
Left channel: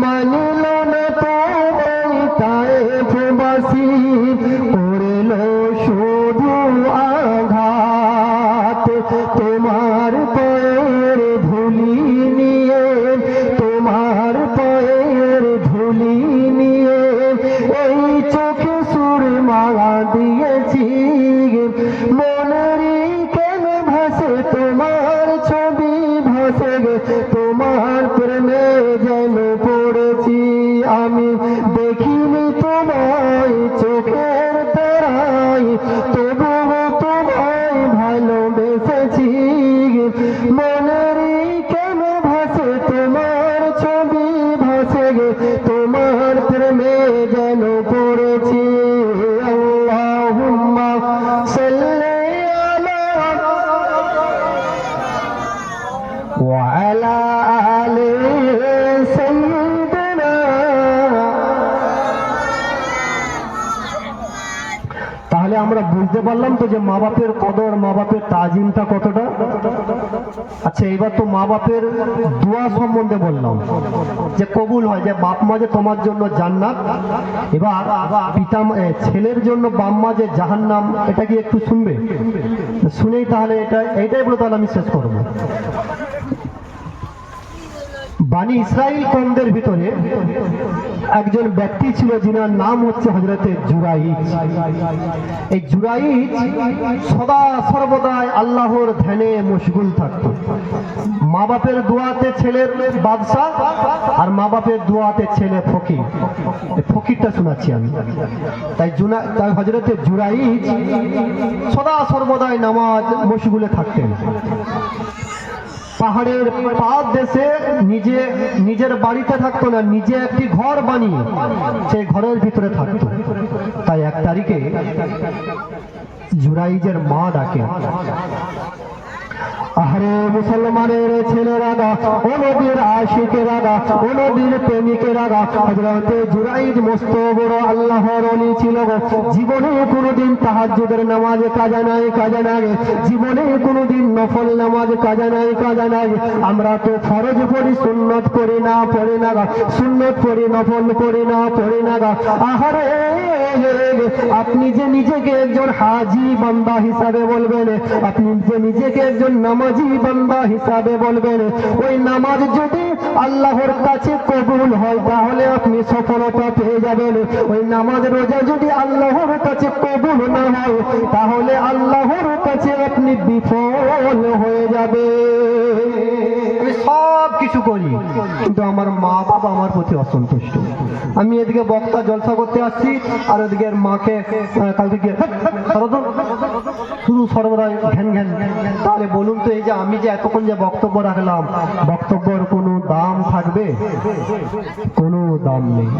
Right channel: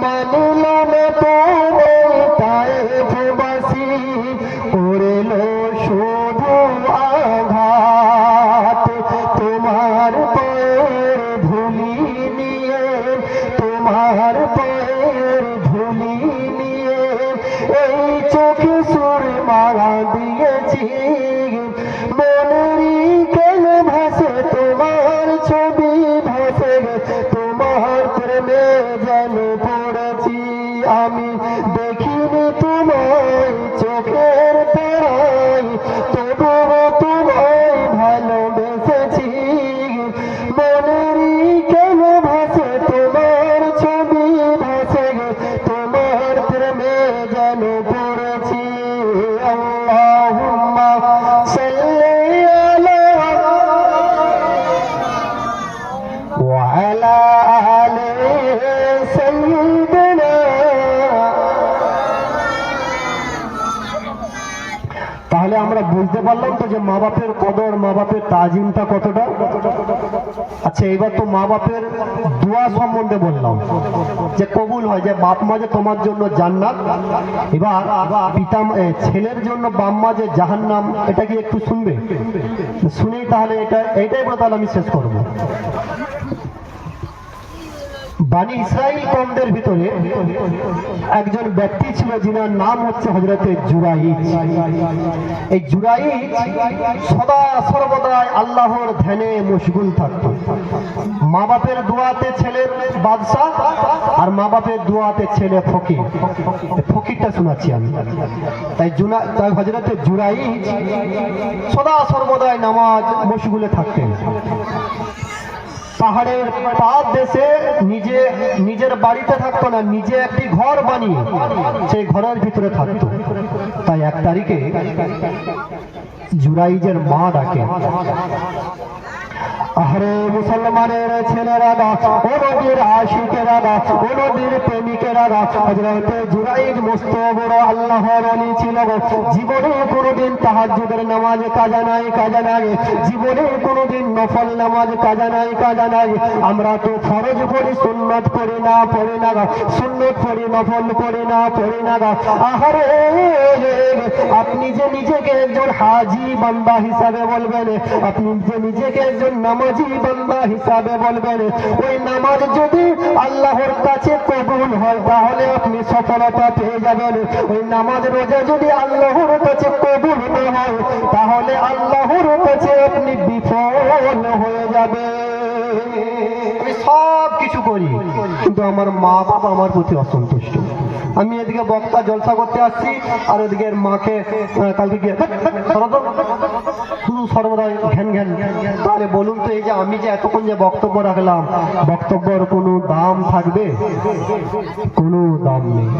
মানল না তোমায় তায়েফবাসী, করল শুধু আঘাত। তোমার পায়ের ধুলি নিয়ে, তোমার পায়ের ধুলি নিয়ে এই চোখে সুরমা দিয়েছি। মনেরই কেন ভাসে তোমার ছবি ভাসে, তোমার প্রেমে যেন পড়েছি। আমি দেখিনি তোমায় চোখের তারায়, তবুও তোমায় ভালোবেসেছি। মনেরই কেন ভাসে তোমার ছবি ভাসে, তোমার প্রেমে যেন পড়েছি। আল্লাহুম্মা সাল্লি আলা ওয়া আলা আলি সাইয়্যিদিনা। তাহলে আমরা বুঝতে পারলাম তো যে মা বাপের কদর, মা বাপের তাজিমটা কতটা। আচ্ছা, এবার তো মা বাপের দোয়া সম্বন্ধে বললাম যে কবুল হয়, যে বাপ মা যে তোমার জন্য জান্নাত। এবার পিতা ছেলের জন্য বাপ মা যে জাহান্নাম, এটা কি একটু শুনবে? শুনেই তাহলে এইটাই বলে তাহলে আমি শেষ করবো। বানি ইসরাইল কওমদের ভিতরে একজন ব্যক্তি ছিল যিনার নাম হচ্ছে হযরতে জুরাইজ। এই জুরাইজ সদা সর্বদাই আল্লাহর ধ্যানে মশগুল থাকত। মা বাপের দোয়াতে ছেলের বাদশা, আর মা বাপের দোয়াতে ছেলে ফকির। ফকিরটা শোনাচ্ছি আমি। তাই হযরতে জুরাইজ সদা সর্বদাই নামাজ মশগুলে থাকতেন। পাহাড়ের পাদ দেশে নিজের বাড়িতে থাকতো না, নিজে একটি ঘর বানিয়ে সেই ঘরের ভিতরে থাকতো। তাই 1 তারিখে জুরাইজের মা ডাকে, আরে মুসলমানের ছেলেরা গা, ও নবীর আশিকেরা গা, ও নবীর প্রেমিকেরা গা, হযরতে জুরাইজ মস্ত বড় আল্লাহর ওলি ছিল গো। জীবনে কোনোদিন তাহাজ্জুদের নামাজ কাজা নাই জীবনে কোনোদিন নফল নামাজ কাজা নাই। আমরা তো ফরজ পড়ি, সুন্নত পড়ি না গা, সুন্নত পড়ি, নফল পড়ি না গা। আহারে আপনি যে নিজেকে একজন হাজি বান্দা হিসাবে বলবেন, আপনি যে নিজেকে একজন নামাজি বান্দা হিসাবে বলবেন, ওই নামাজ যদি আল্লাহর কাছে কবুল হয় তাহলে আপনি সফলতা পেয়ে যাবেন। ওই নামাজ রোজা যদি আল্লাহর কাছে কবুল না হয় তাহলে আল্লাহর কাছে আপনি বিফল হয়ে যাবে। আমি সব কিছু করি কিন্তু আমার মা বাবা আমার প্রতি অসন্তুষ্ট। আমি এদিকে বক্তা জলসা করতে আসছি আর ওদিকে মাকে কালকে গিয়ে শুধু সর্বদাই ঘ্যান। তাহলে বলুন তো, এই যে আমি যে এতক্ষণ যে বক্তব্য রাখলাম, বক্তব্যের কোনো দাম থাকবে? কোনো দাম নেই।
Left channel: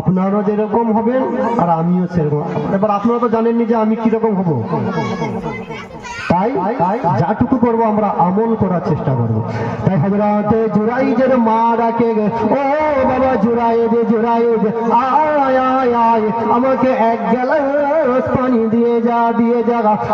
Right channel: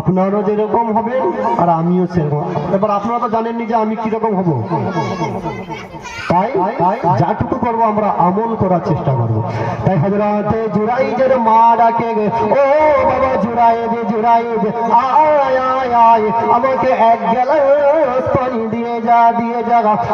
আপনারও যেরকম হবেন আর আমিও সেরকম। এবার আপনারা তো জানেননি যে আমি কিরকম হব, তাই যাটুকু করবো আমরা আমল করার চেষ্টা করবো। তাই হযরতে জুরাইজের মা ডাকে, ও বাবা জুরাইজ, আয় আমাকে 1 গ্লাস পানি দিয়ে যা।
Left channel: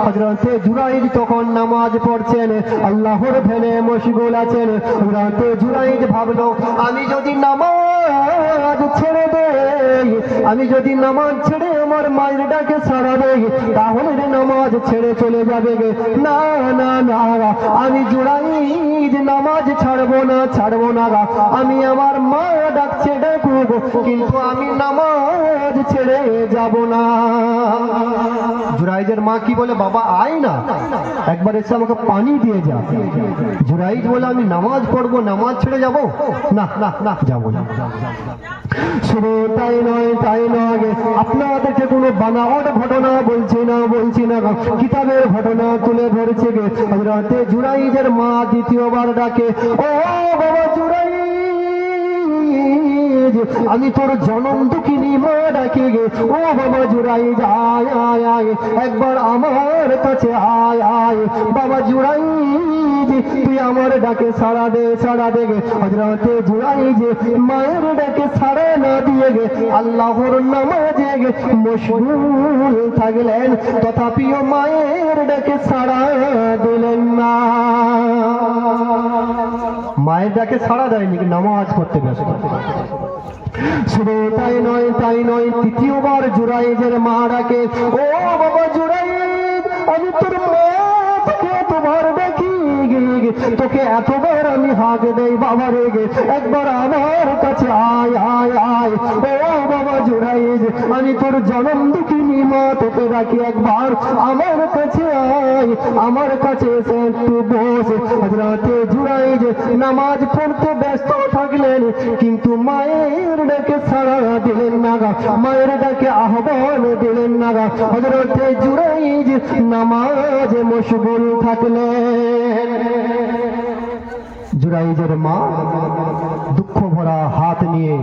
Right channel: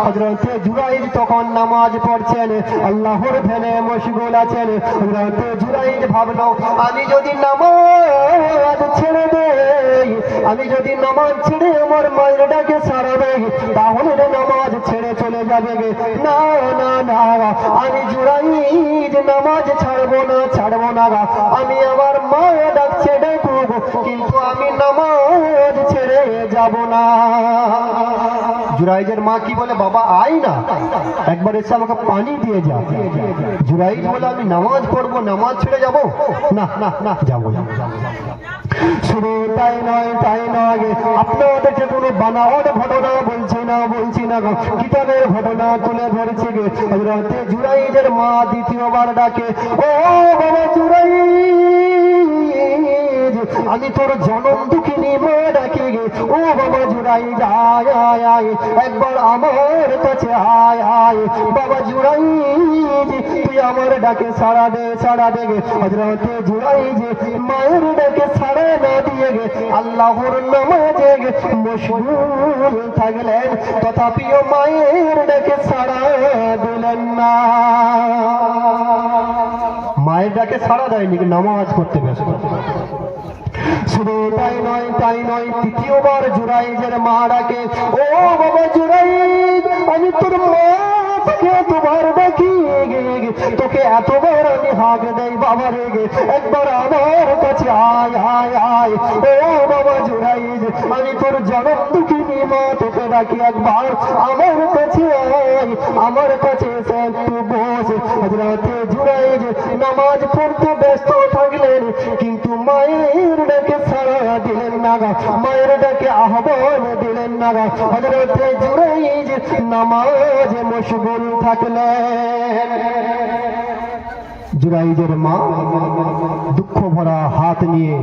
হযরতে জুরাইজ তখন নামাজ পড়ছেন, আল্লাহর ধ্যানে মশগুল আছেন। হযরতে জুরাইজ ভাবলো, আমি যদি নামাজ ছেড়ে দেই, আমি যদি নামাজ ছেড়ে আমার মায়ের ডাকে সাড়া দেই তাহলে নামাজ ছেড়ে চলে যাবে গে। না, আমি জুরাইজ নামাজ ছাড়বো না গা। আমি আমার মা ডাকছে ডাকবো, কিন্তু আমি নামাজ ছেড়ে যাব না। জুরাইজের মা কি বলে, বাবা আয় না, একবার এসে আমাকে পানি দিয়ে যা। জুরাইজ বলে, আমি নামাজ পড়বো, নামাজ ছেড়ে যাবো না, যাবো না। শুধু তাই নয়, আপনাদেরকে কোনো বানাওয়াট ঘটনা বলছি না, কিতাবের ঘটনা তুলে ধরেছে গে। হযরতে জুরাইজের মা দ্বিতীয়বার ডাকে, ও বাবা জুরাইজ, আমি তোর জনম দুঃখিনী মা ডাকি গে। ও বাবা জুরাইজ, আয় একবার আমার কাছে আয়। বাবা জুরাইজ, তুই আমার ডাকে সাড়া দে গে। হযরতে জুরাইজ মায়ের ডাকে সাড়া না দিয়ে গে আল্লাহর নামাজে মশগুল থাকলেন, তথাপিও মায়ের ডাকে সাড়া দিলেন না। মায়ের ডাকে সাড়া দেয়নি, নামাজ করতে ব্যস্ত। শুধু তাই নয়, তৃতীয়বার জুরাইজের মা ডাকে, ও বাবা জুরাইজ, আমি তোর মা থেকে এতবার ডাকি, তোকে এতবার আমি হাঁক দেই বাবা রেগে, একবার আমার কাছে আয়। ও বাবা জুরাইজ, আমি তোর জনম দুঃখিনী মা, তোকে ডাকি একবার আমার কাছে আয়, আমার কাছে এসে একটু বস। হযরতে জুরাইজ নামাজ পড়তে ব্যস্ত থাকলেন, কিন্তু মায়ের ডাকে সাড়া দিলেন না, মায়ের ডাকে আহ্বান দিলেন না। হযরতে জুরাইজ নামাজে মশগুল থাকলেন। জুরাইজের মা দুঃখ ভরা হাত নিয়ে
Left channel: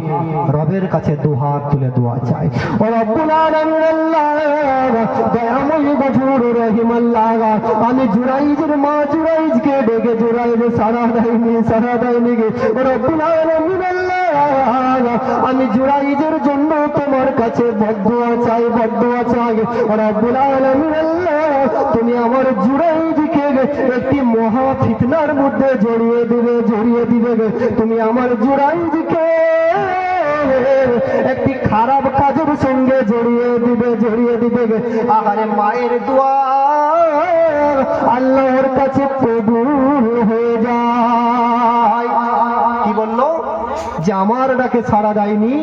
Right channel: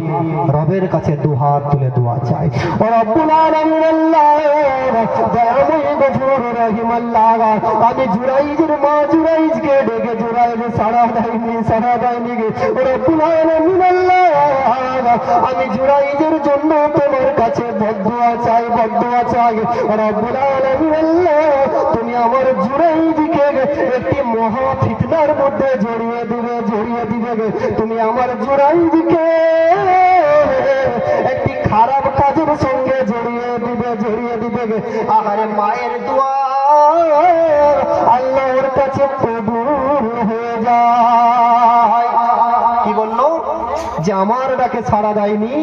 রবের কাছে দুহাত তুলে দোয়া চায়, ও রব্বুল আলামিন আল্লাহ, দয়াময় গফুর রহিম আল্লাহ, আমি জুরাইজের মা জুরাইজকে ডেকে জুরাইজ সাড়া দেয়নি গে। ও রব্বুল আলামিন আল্লাহ, আমি জুরাইজের জন্য তোমার কাছে বদদুয়া চাই। ও রব্বুল আলামিন আল্লাহ, তুমি আমার জুরাইজকে একটি মহা ফিতনার মধ্যে জড়িয়ে দিবে। তুমি আমার জুরাইজকে একটি খারাপ কাজের সঙ্গে জড়িয়ে দিবে। আহারে মায়ের দোয়া আল্লাহর কাছে কবুল হয়ে যায়। কি বললো যে আমার ডাকে সাড়া দেয়নি,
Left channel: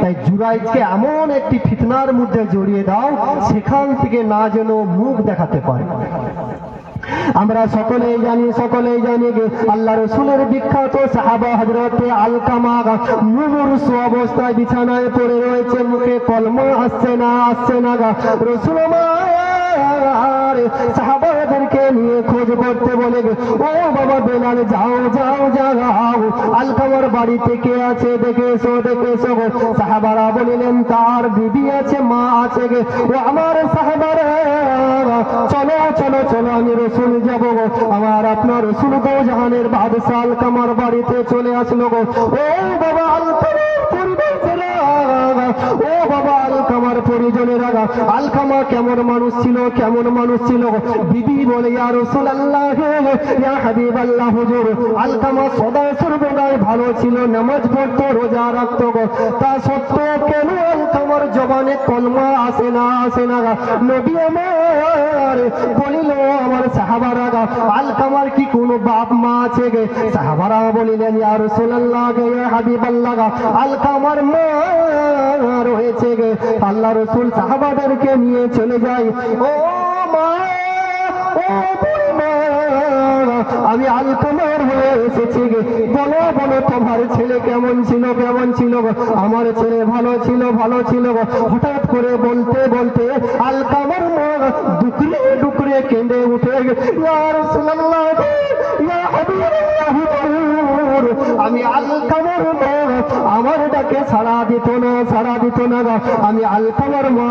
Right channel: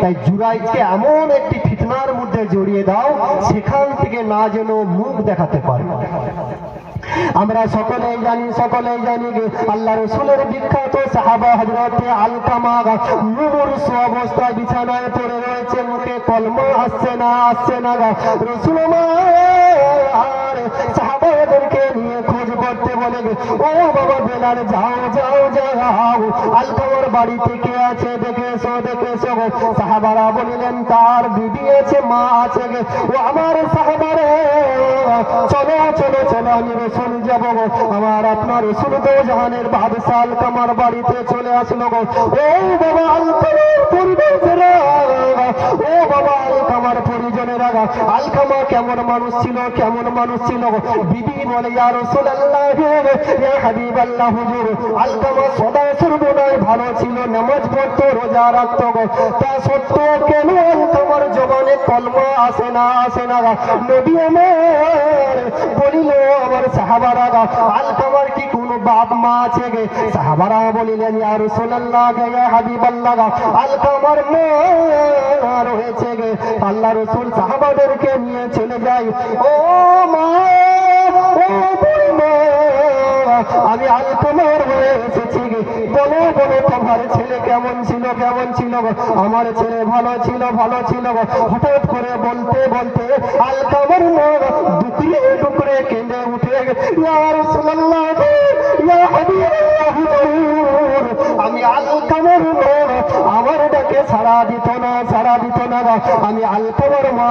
তাই জুরাইজকে এমন একটি ফিতনার মধ্যে জড়িয়ে দাও সেখান থেকে না যেন মুখ দেখাতে পারে। আমরা সকলেই জানি যে আল্লাহ রাসূলের বিখ্যাত সাহাবা হযরতে আলকামা মুমূর্ষু অবস্থায় বিছানায় পড়ে রয়েছে, মুখে কলমা আসছে না। রাসূল আমার সাহাবাদেরকে নিয়ে খোঁজ করতে বলে ও বাবা বেলাল যাও যাও যাও আলকামার বাড়িতে কে আছে দেখে এসো গো। সাহাবারা বলিলেন তার বিবি আছে, মা আছে গে। ও আমার সাহাবারা চলো চলো চলো আমি রসুল যাবো গো। আমার আপনার রসুল তো জাহানের বাদশাহ আলকামার বাড়িতে চলে আসলো গো। ও বাবা আলকামার পরিবারেরা, ও বাবা আলকামার পরিজনেরা, আলকামা কেমন মানুষ ছিল, কেমন মানুষ ছিল গো। বিবি বলে ইয়া রাসূলুল্লাহ ইয়া হাবিবাল্লাহ হুজুর, আলকামা সদা সর্বদাই ভালো ছিল, নামাজ পড়তো, রোজা রাখতো গো। তা সত্ত্বেও কেন আলকামার জবানে কলমা আসে না নবী আমার বলিল আমার সাহাবারা আলকামার কি কোনো বাপ মা আছে গে? সাহাবারা বলিলেন ইয়া রাসূলুল্লাহ ইয়া হাবিবাল্লাহ আলকামার মা রয়েছে গে। আল্লাহ রসুল সাহাবাদেরকে নিয়ে চলে যায়। ও মা, ও বুড়িমা, আমি আলকামার হয়ে এসেছি গে, বলো বলো তোমার ছেলে কেমন ছিল, কেমন ছিল গো? আমার ছেলে ভালো ছিল, ভালো ছিল গো। হঠাৎ করে বলতে বলতে আলকামার মা ডুকরে ডুকরে কেঁদে উঠে ইয়া রাসূলুল্লাহ ইয়া হাবিবাল্লাহ হুজুর, আমি আলকামার মা, আমার ডাকে সাড়া দিত না, সাড়া দিত না গো। আমি আলকামার মা,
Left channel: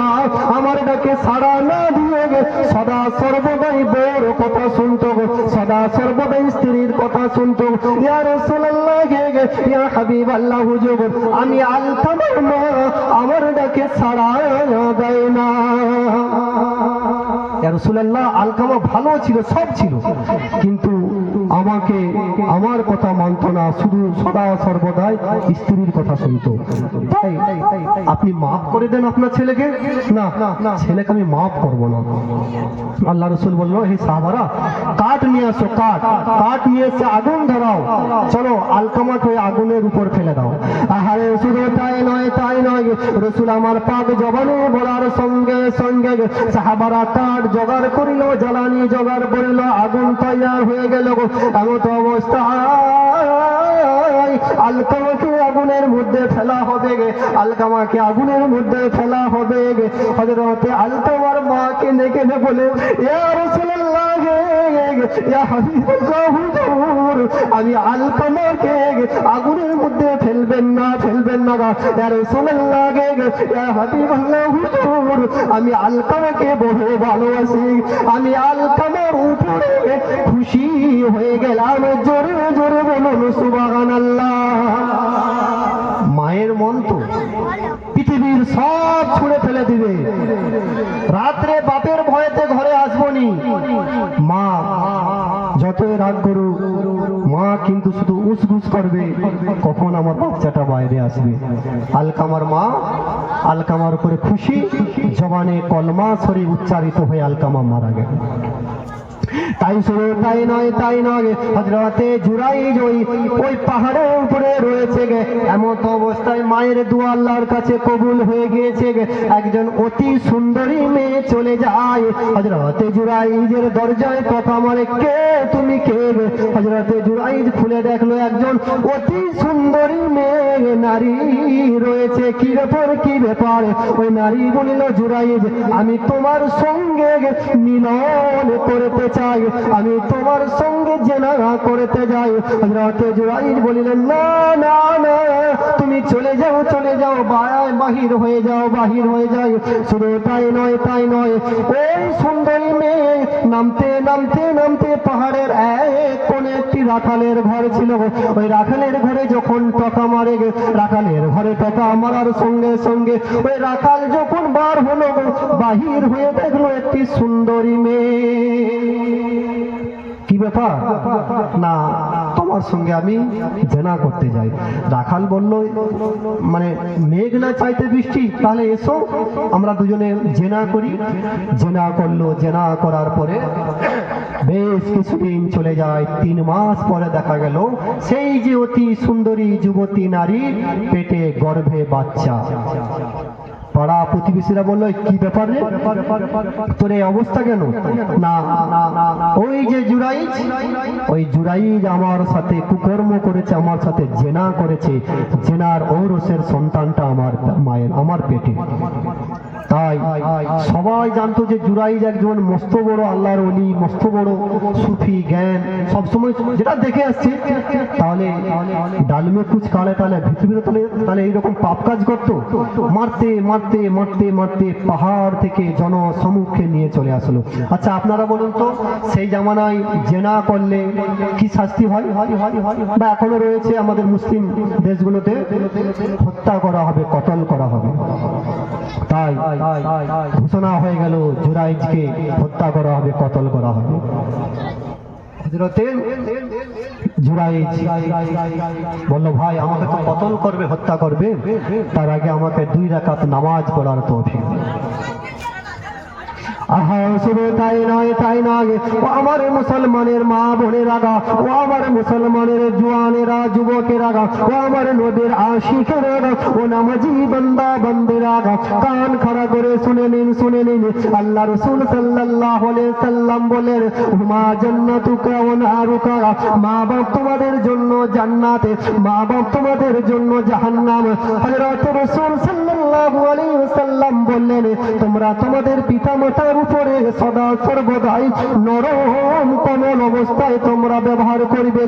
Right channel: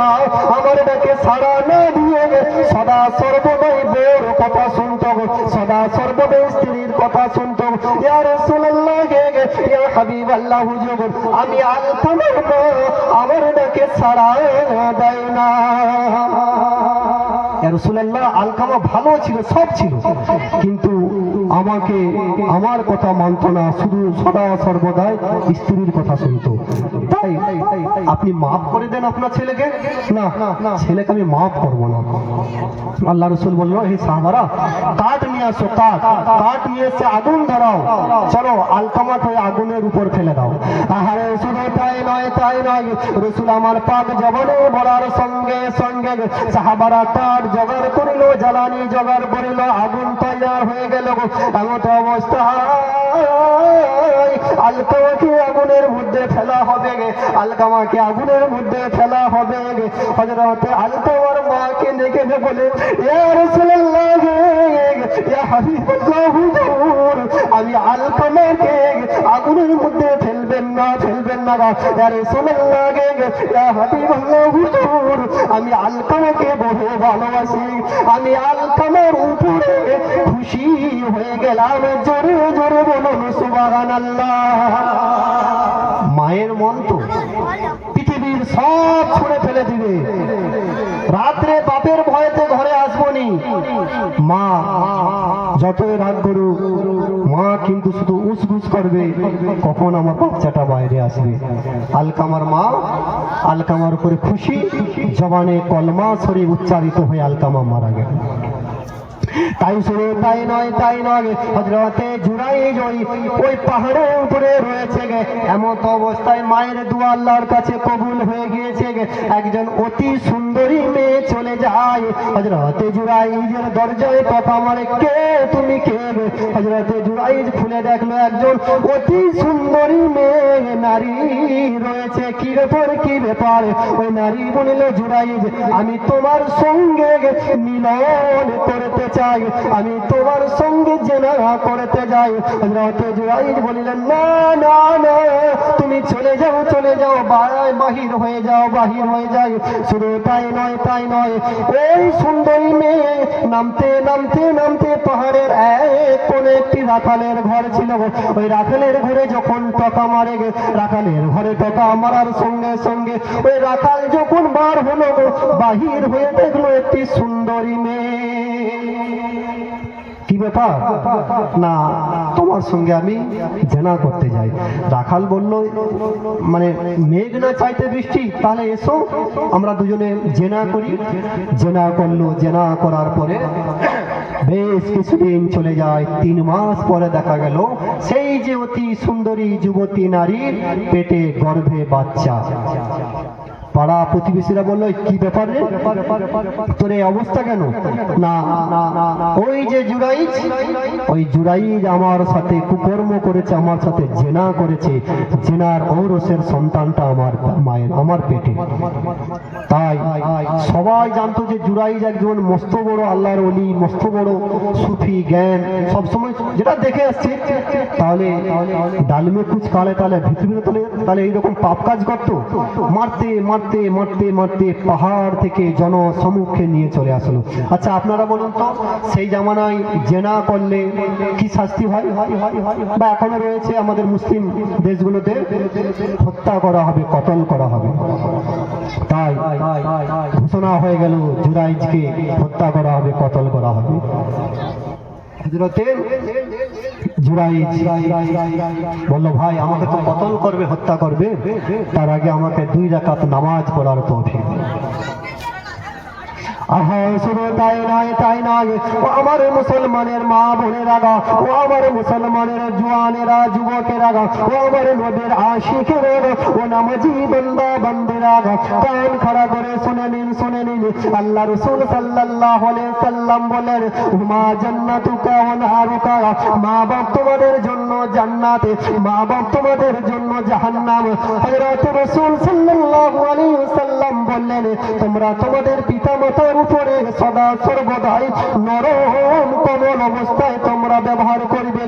আমার ডাকে সাড়া না দিয়ে সদা সর্বদাই বউর কথা শুনতো গো, সদা সর্বদাই স্ত্রীর কথা শুনতো। ইয়া রাসূলুল্লাহ ইয়া হাবিবাল্লাহ হুজুর, আমি আলকামার মা, আমার ডাকে সাড়া দেয় না। ইয়া রাসূলুল্লাহ আলকামা ভালো ছিল, সব ছিল, কিন্তু আমাকে আমার কথা মানত না, শুধু সদা সর্বদাই স্ত্রীর কথা শুনতো। তাই আপনি মাফ করে দেন আপনার ছেলেকে। না, ছেলেকে আমি মাফ করবো না। আল্লাহ রসুল বললো হে সাহাবারা কাঠ নিয়ে আসো, কাঠ নিয়ে এসে আগুন ধরাও, চলো আলকামা হয়ে আগুনের উপর ফেলে দাও। আহারে শুধু তাই নয় রসুল আমার পাক জবানে বলার সঙ্গে সঙ্গে সাহাবারা কাঠ জোগাড় করিল, জ্বালানি জোগাড় করিল, আগুন তৈয়ার হয়ে গেল। এমত অবস্থা আলকামাকে আগুনের মধ্যে ফেলা হবে গে, আলকামাকে আগুনের মধ্যে ফেলা হবে গে। হযরতে আলকামার মাকে দেখে বলে ইয়া রাসূলুল্লাহ ইয়া হাবিবাল্লাহ হুজুর, আমি আলকামাকে আগুনের মধ্যে ফেলবেন না ইয়া রাসূলুল্লাহ ইয়া হাবিবাল্লাহ হুজুর, আমি আলকামাকে বহু ভালোবাসি, আমি আলকামার উপরে খুশি হয়ে গেলাম। জোরে জোরে বলুন সুবহানাল্লাহ। মায়ের মন তো পৃথিবীর সব ছুঁড়ে ফেলে দিবে, রাত্রে বাপের ভয়েতে ঘরে আসবনি, মা যতই রাগ করুক মা কিন্তু শুধু উসগুস করবে কখন আমার বাচ্চাটা বাইরে আসবে। আলকামার মা আলকামার উপরে খুশি, জবানে কলমা শরীফ উচ্চারিত হয়ে আলকামা মারা গেল। তাই শুধু তাই নয় হযরতে জুরাইজ ওই পাহাড়ের উপরে রয়েছে গে। এমন অবস্থায় মায়ের দোয়া আল্লাহর কাছে কবুল হয়ে গিয়েছে গে। একজন অতি সুন্দরী মেয়ে চলে যায় হযরতে জুরাইজের দরজায়, কথা মারে কে তুমি কে? হযরতে জুরাইজ খুলে দেখলো একজন অতি সুন্দরী মেয়ে নারী রয়েছে। কি ব্যাপার? ওই নারী বলিল জুরাইজ আমি তোমার সঙ্গে মিলন করতে চাই, আমি তোমার সঙ্গে জেনা করতে যাই। হযরতে জুরাইজ বলিলেন না না না, তুমি চলে যাও বাহির হয়ে যাও। শুধু তাই নয় ওই সুন্দরী মেয়ে নামতে পাহাড়ের এক কোণে একটি রাখালের ঘর ছিল। ওই রাখালের ঘরে যখন টকা মারে রাখালের ঘরে টকা মারার সঙ্গে সঙ্গে ওই রাখাল যখন বার হলো বাহির হয়ে দেখলো একটি সুন্দরী মেয়ে। কি ব্যাপার? না তোমার সঙ্গে আমি জেনা করতে যাই। রাখাল বলল মানে মেঘ না চাইতে বৃষ্টি, তাহলে এসো আমরা দুজনে জেনা করি। জেনা করলো, জেনা করার পরে বেশ কিছুদিন চলে যায়। 3 মাস পরে দেখা গেল সেই যে অতি সুন্দরী যুবতী নারীর পেটে গর্ভে বাচ্চা। পাড়া প্রতিবেশীরা বললো কি ব্যাপার রে, তোর এই অবস্থা কেন? না ওই যে জুরাইজ আমার সাথে কুকর্ম করেছে, আমার সাথে জেনা করেছে, জেনার ঔরসের সন্তানটা আমার পেটে। তাই সবাই জানতো যে জুরাইজ একজন মস্ত বড় আল্লাহর ওলি, মস্ত বড় সুফি জ্ঞান সবসময় যেটা দেখে আসছে। তাহলে ডালমে কুচ কালে তাহলে পৃথিবীতে তাহলে এইরকম পাপ কাজ করতো? মারতে মারতে মারতে মারতে পাহাড় থেকে জনসমুখে নিয়ে চলে আসলো। আচ্ছা আপনারা বলুন তো, সেই জামানায় জেনা করলে কি শাস্তি হয়? বা এখনো রয়েছে আমাদের মুসলিম দেশগুলোতে, হত্যা করা হবে, কতল করা হবে। তাই ঘোষণা হয়ে গেল জুরাইজকে হত্যা করা হবে, কতল করা হবে। হযরতে জুরাইজ বলল, ভাই আমাকে তো কতল করবে, হত্যা করবে, তার আগে আমাকে 2 রাকাত নামাজ পড়ার তৌফিক। শুধু তাই নয়, তাই নয়, ও আমার মুসলমানের মা বোনেরা গা, ও আমার মুসলমানের জওয়ানেরা, যুবকেরা গা, ও আমার নবীর আশিকেরা গা, ও নামাজি বান্দা বান্দিরা গা, কান খাড়া করে শুনে নিন, শুনে নিন। আল্লাহ রাসূল সাল্লাল্লাহু আলাইহি সাল্লাম বলেন, হুমা জান্নাতুকা ওয়া নারুকা, মা বাপ তোমাদের জন্য জান্নাতে, মা বাপ তোমাদের জন্য জাহান্নাম। হযরত রাসূল সাল্লাল্লাহু আলাইহি সাল্লাম বললেন, তোমরা তোমাদের পিতা মাতার উপরে সদা সর্বদাই নরম কোমল অবস্থায় তোমরা ব্যবহার করবে,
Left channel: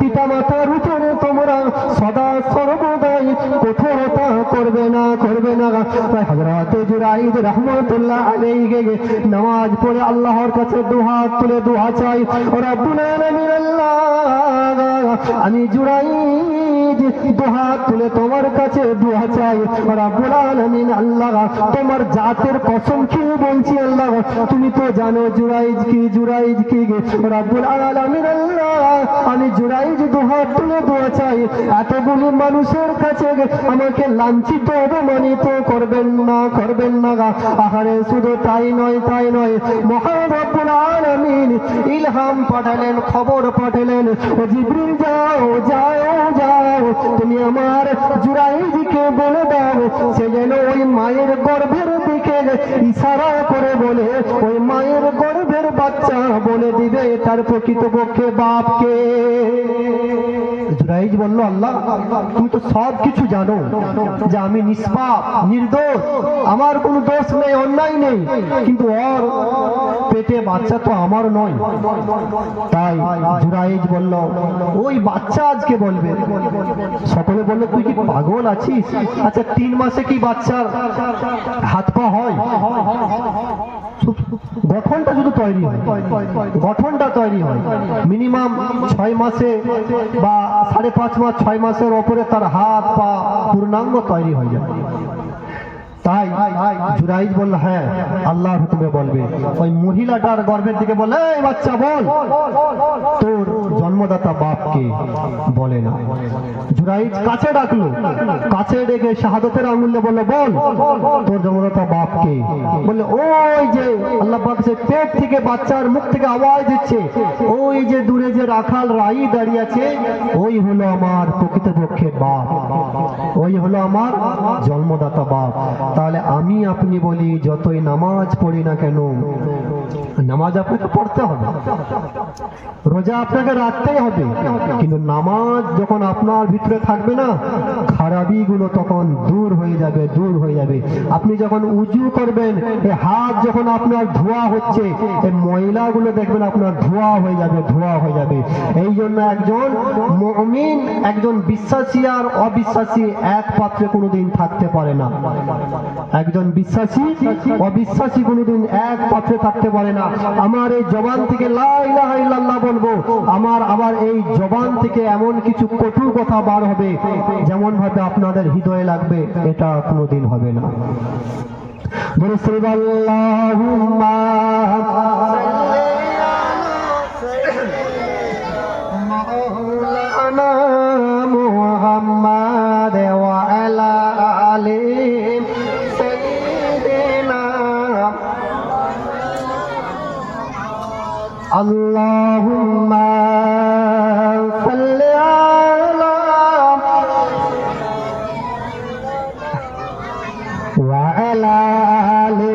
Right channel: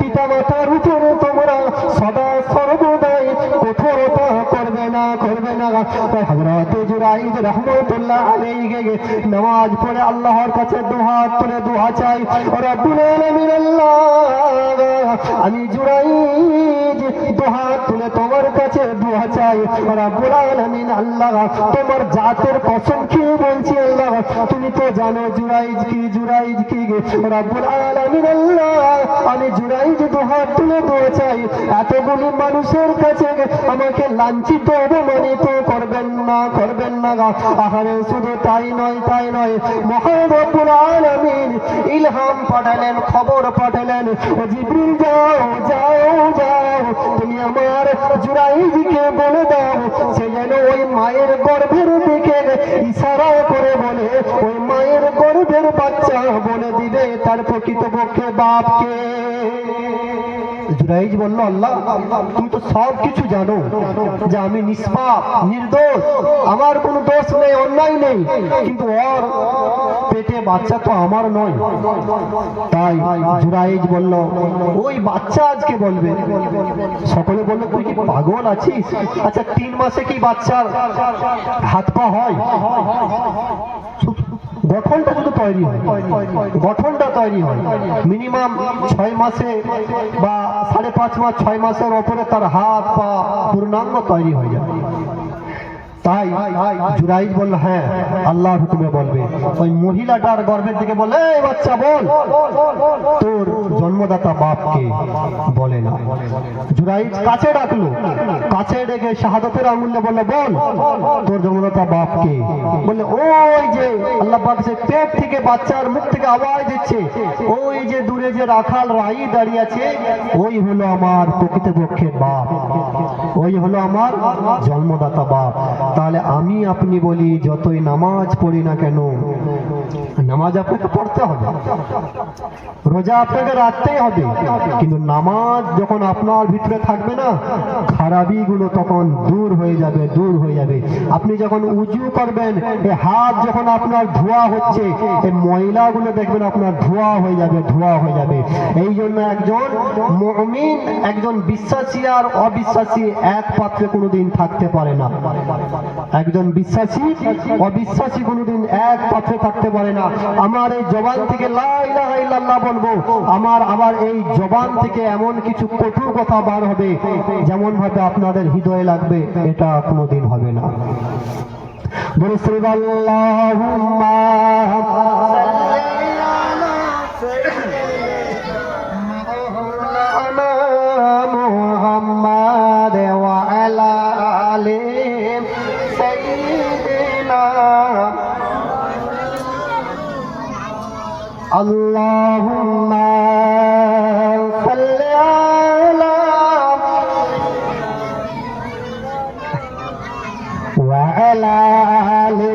পিতা মাতার উপরে তোমরা সদা সর্বদাই কঠোরতা করবে না, করবে না। তাই হযরত জুরাইজ রাহমাতুল্লাহ আলাইহি নামাজ পড়ে আল্লাহর কাছে দুহাত তুলে দোয়া চাই, রব্বুল আলামিন আল্লাহ, আমি জুরাইজ দুহাত তুলে তোমার কাছে দোয়া চাই, রব্বুল আলামিন আল্লাহ, তোমার জাতের কসম খেয়ে বলছি আল্লাহ, তুমি তো জানো জুরাইজ কি, জুরাইজ কি, রব্বুল আলামিন আল্লাহ, আমি জুরাইজ দুহাত তুলে দোয়া চাই, এতগুলি মানুষের কাছে আমাকে লাঞ্ছিত অপমানিত করবেন না, করবেন না। আহারে শুধু তাই নয়, তাই নয়, মহান রব্বুল আলামিন ইলহাম পাঠালেন, খবর পাঠালেন, জিবরিল যাও যাও যাও, তুমি আমার জুরাইজকে বলে দাও সে যেন ওই মায়ের গর্ভের দিকে ইশারা করে বলে, ওই মায়ের গর্ভের বাচ্চা বলে দিবে তার প্রকৃতপক্ষে বাপকে। জুরাইজ বলল, আল্লাহ তুমি তো সব কিছু জানো যে আমি নিষ্পাপ নির্দোষ, আমার কোনো দোষ নেই, অন্যায় নেই, কিন্তু ওর পেটে বাচ্চা তো আমার নয়। তাই জুরাইজ বলল, ওই বাচ্চা আজকে বলবে। সকলে বলল, তুই কি পাগল আছিস? আচ্ছা 3 মাসে কি বাচ্চার হাত পা হয়? গঠনটা শুধু তৈরি হয়, গঠনটা তৈরি হয়, মিনিমাম 6 মাসে বা 5.5 মাস, 6 মাসের ওপরে তার হাত পা পূর্ণাঙ্গ তৈরি হয়ে যায়। তাই জুরাইজ বলল, হ্যাঁ আল্লাহর হুকুমে বলবে। ওই মহিলাটার গর্ভের দিকে বলে, এই বাচ্চা বল তোর জন্মদাতা বাপকে, বলে না। জুরাইজ কাছে ডাকলো, কাছে ডেকে শাহাদাতের আঙুলে বলে, বল তোর জন্মদাতা বাপকে, বলে ওই যে আল্লাহ পাক সে পেট থেকে বাচ্চার মুখ থেকে আওয়াজ দিচ্ছে, ওই যে দূরে যে রাখাল রাই দাঁড়িয়ে আছে, ওই হলো আমার প্রকৃতপক্ষে বাপ, ওই হলো আমার জন্মদাতা বাপ। তাহলে আমি আপনি বলি, যতই নামাজ পড়ি না কেন, নামাজ আপনাকে পড়তে হবে, রোজা আপনাকে রাখতেই হবে, কিন্তু নামাজ যখন আপনার ভিতরে থাকবে না, খারাপি গুলো তখন দূর হয়ে যাবে, দূর হয়ে যাবে। আপনি যখন উজু করবেন, এই হাত যখন আপনার ধোয়া হচ্ছে, এই ময়লাগুলো দেখবেন আপনার ধোয়া হয়ে যাবে, ধোয়া হয়ে যাবে। এই জন্য একজন মুমিন, একজন বিশ্বাসী আর অবিশ্বাসী এক পাত্রে কোনোদিন থাকতে পারে না। একজন বিশ্বাসী অবিশ্বাসী কোনোদিন এক পাত্রে থাকতে পারে না। আমার এই জবান থেকে লা ইলাহা ইল্লাল্লাহ বলবো, আমার আবার এই জবান থেকে এমন কিছু কটু কথা বার হবে যেমন ভাবে আপনাদের হৃদয়ে লাগবে, এটা কোনোদিন হবে না। আল্লাহুম্মা মাওলানা মুহাম্মাদ ওয়া আলা আলি সাইয়্যিদিনা আল্লাহুম্মা সাল্লি আলা ওয়া আলা আলি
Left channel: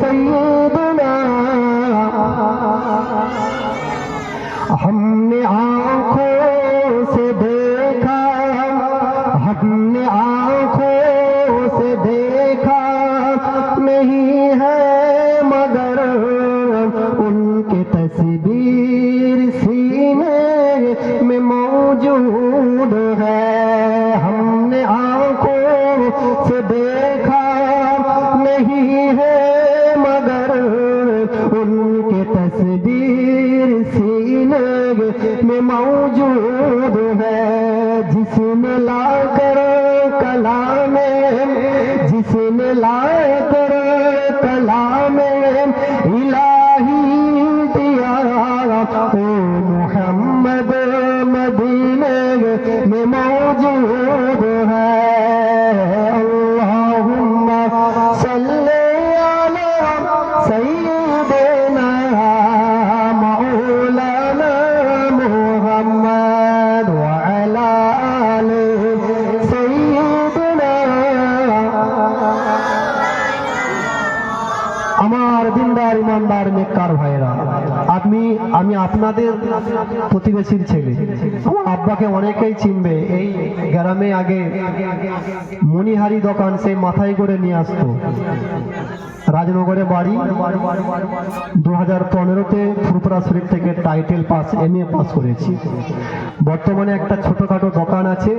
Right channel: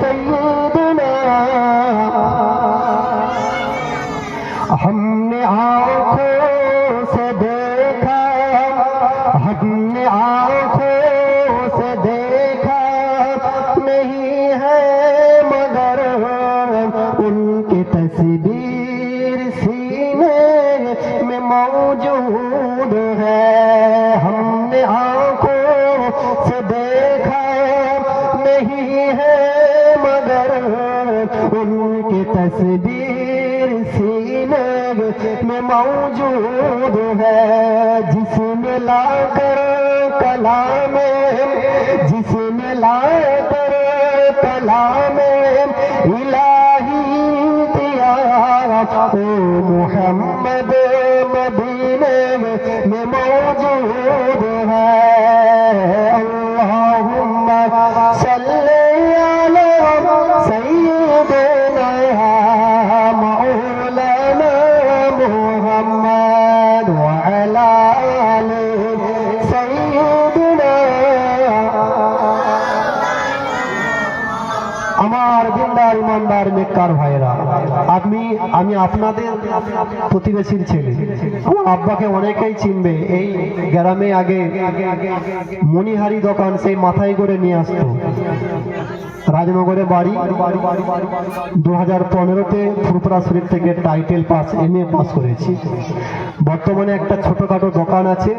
সাইয়্যিদিনা। हमने आँखों से देखा, हमने आँखों से देखा, उनके तस्वीर सीने में मौजूद है। हमने आंखों से देखा नहीं है मगर उनके तस्वीर सीने में मौजूद है। जिसने लाकर कलामे जिसने लाकर कलामे इलाही दिया ओ मोहम्मद मदीने में मौजूद है। अल्लाहुम्मा सल्ली अला सय्यिदना मौलाना मुहम्मद व अला आलि सय्यिदना। আমার দিনদার ইমানদার নেককার ভাইরা, আমি আপনাদের প্রতিবেশীর ছেলে। আমার আব্বাকে অনেকেই চিনবে। এই গ্রামে আগে মণিহারি দোকান, সেই মাথায় করে নিয়ে আসতো। রাজনগরে বাড়ি। 2015-তে ফুরফুরা শরীফ থেকে টাইটেল পাস MA পাস করেছি। বর্তমানে একটা ছোটখাটো দোকান আছে,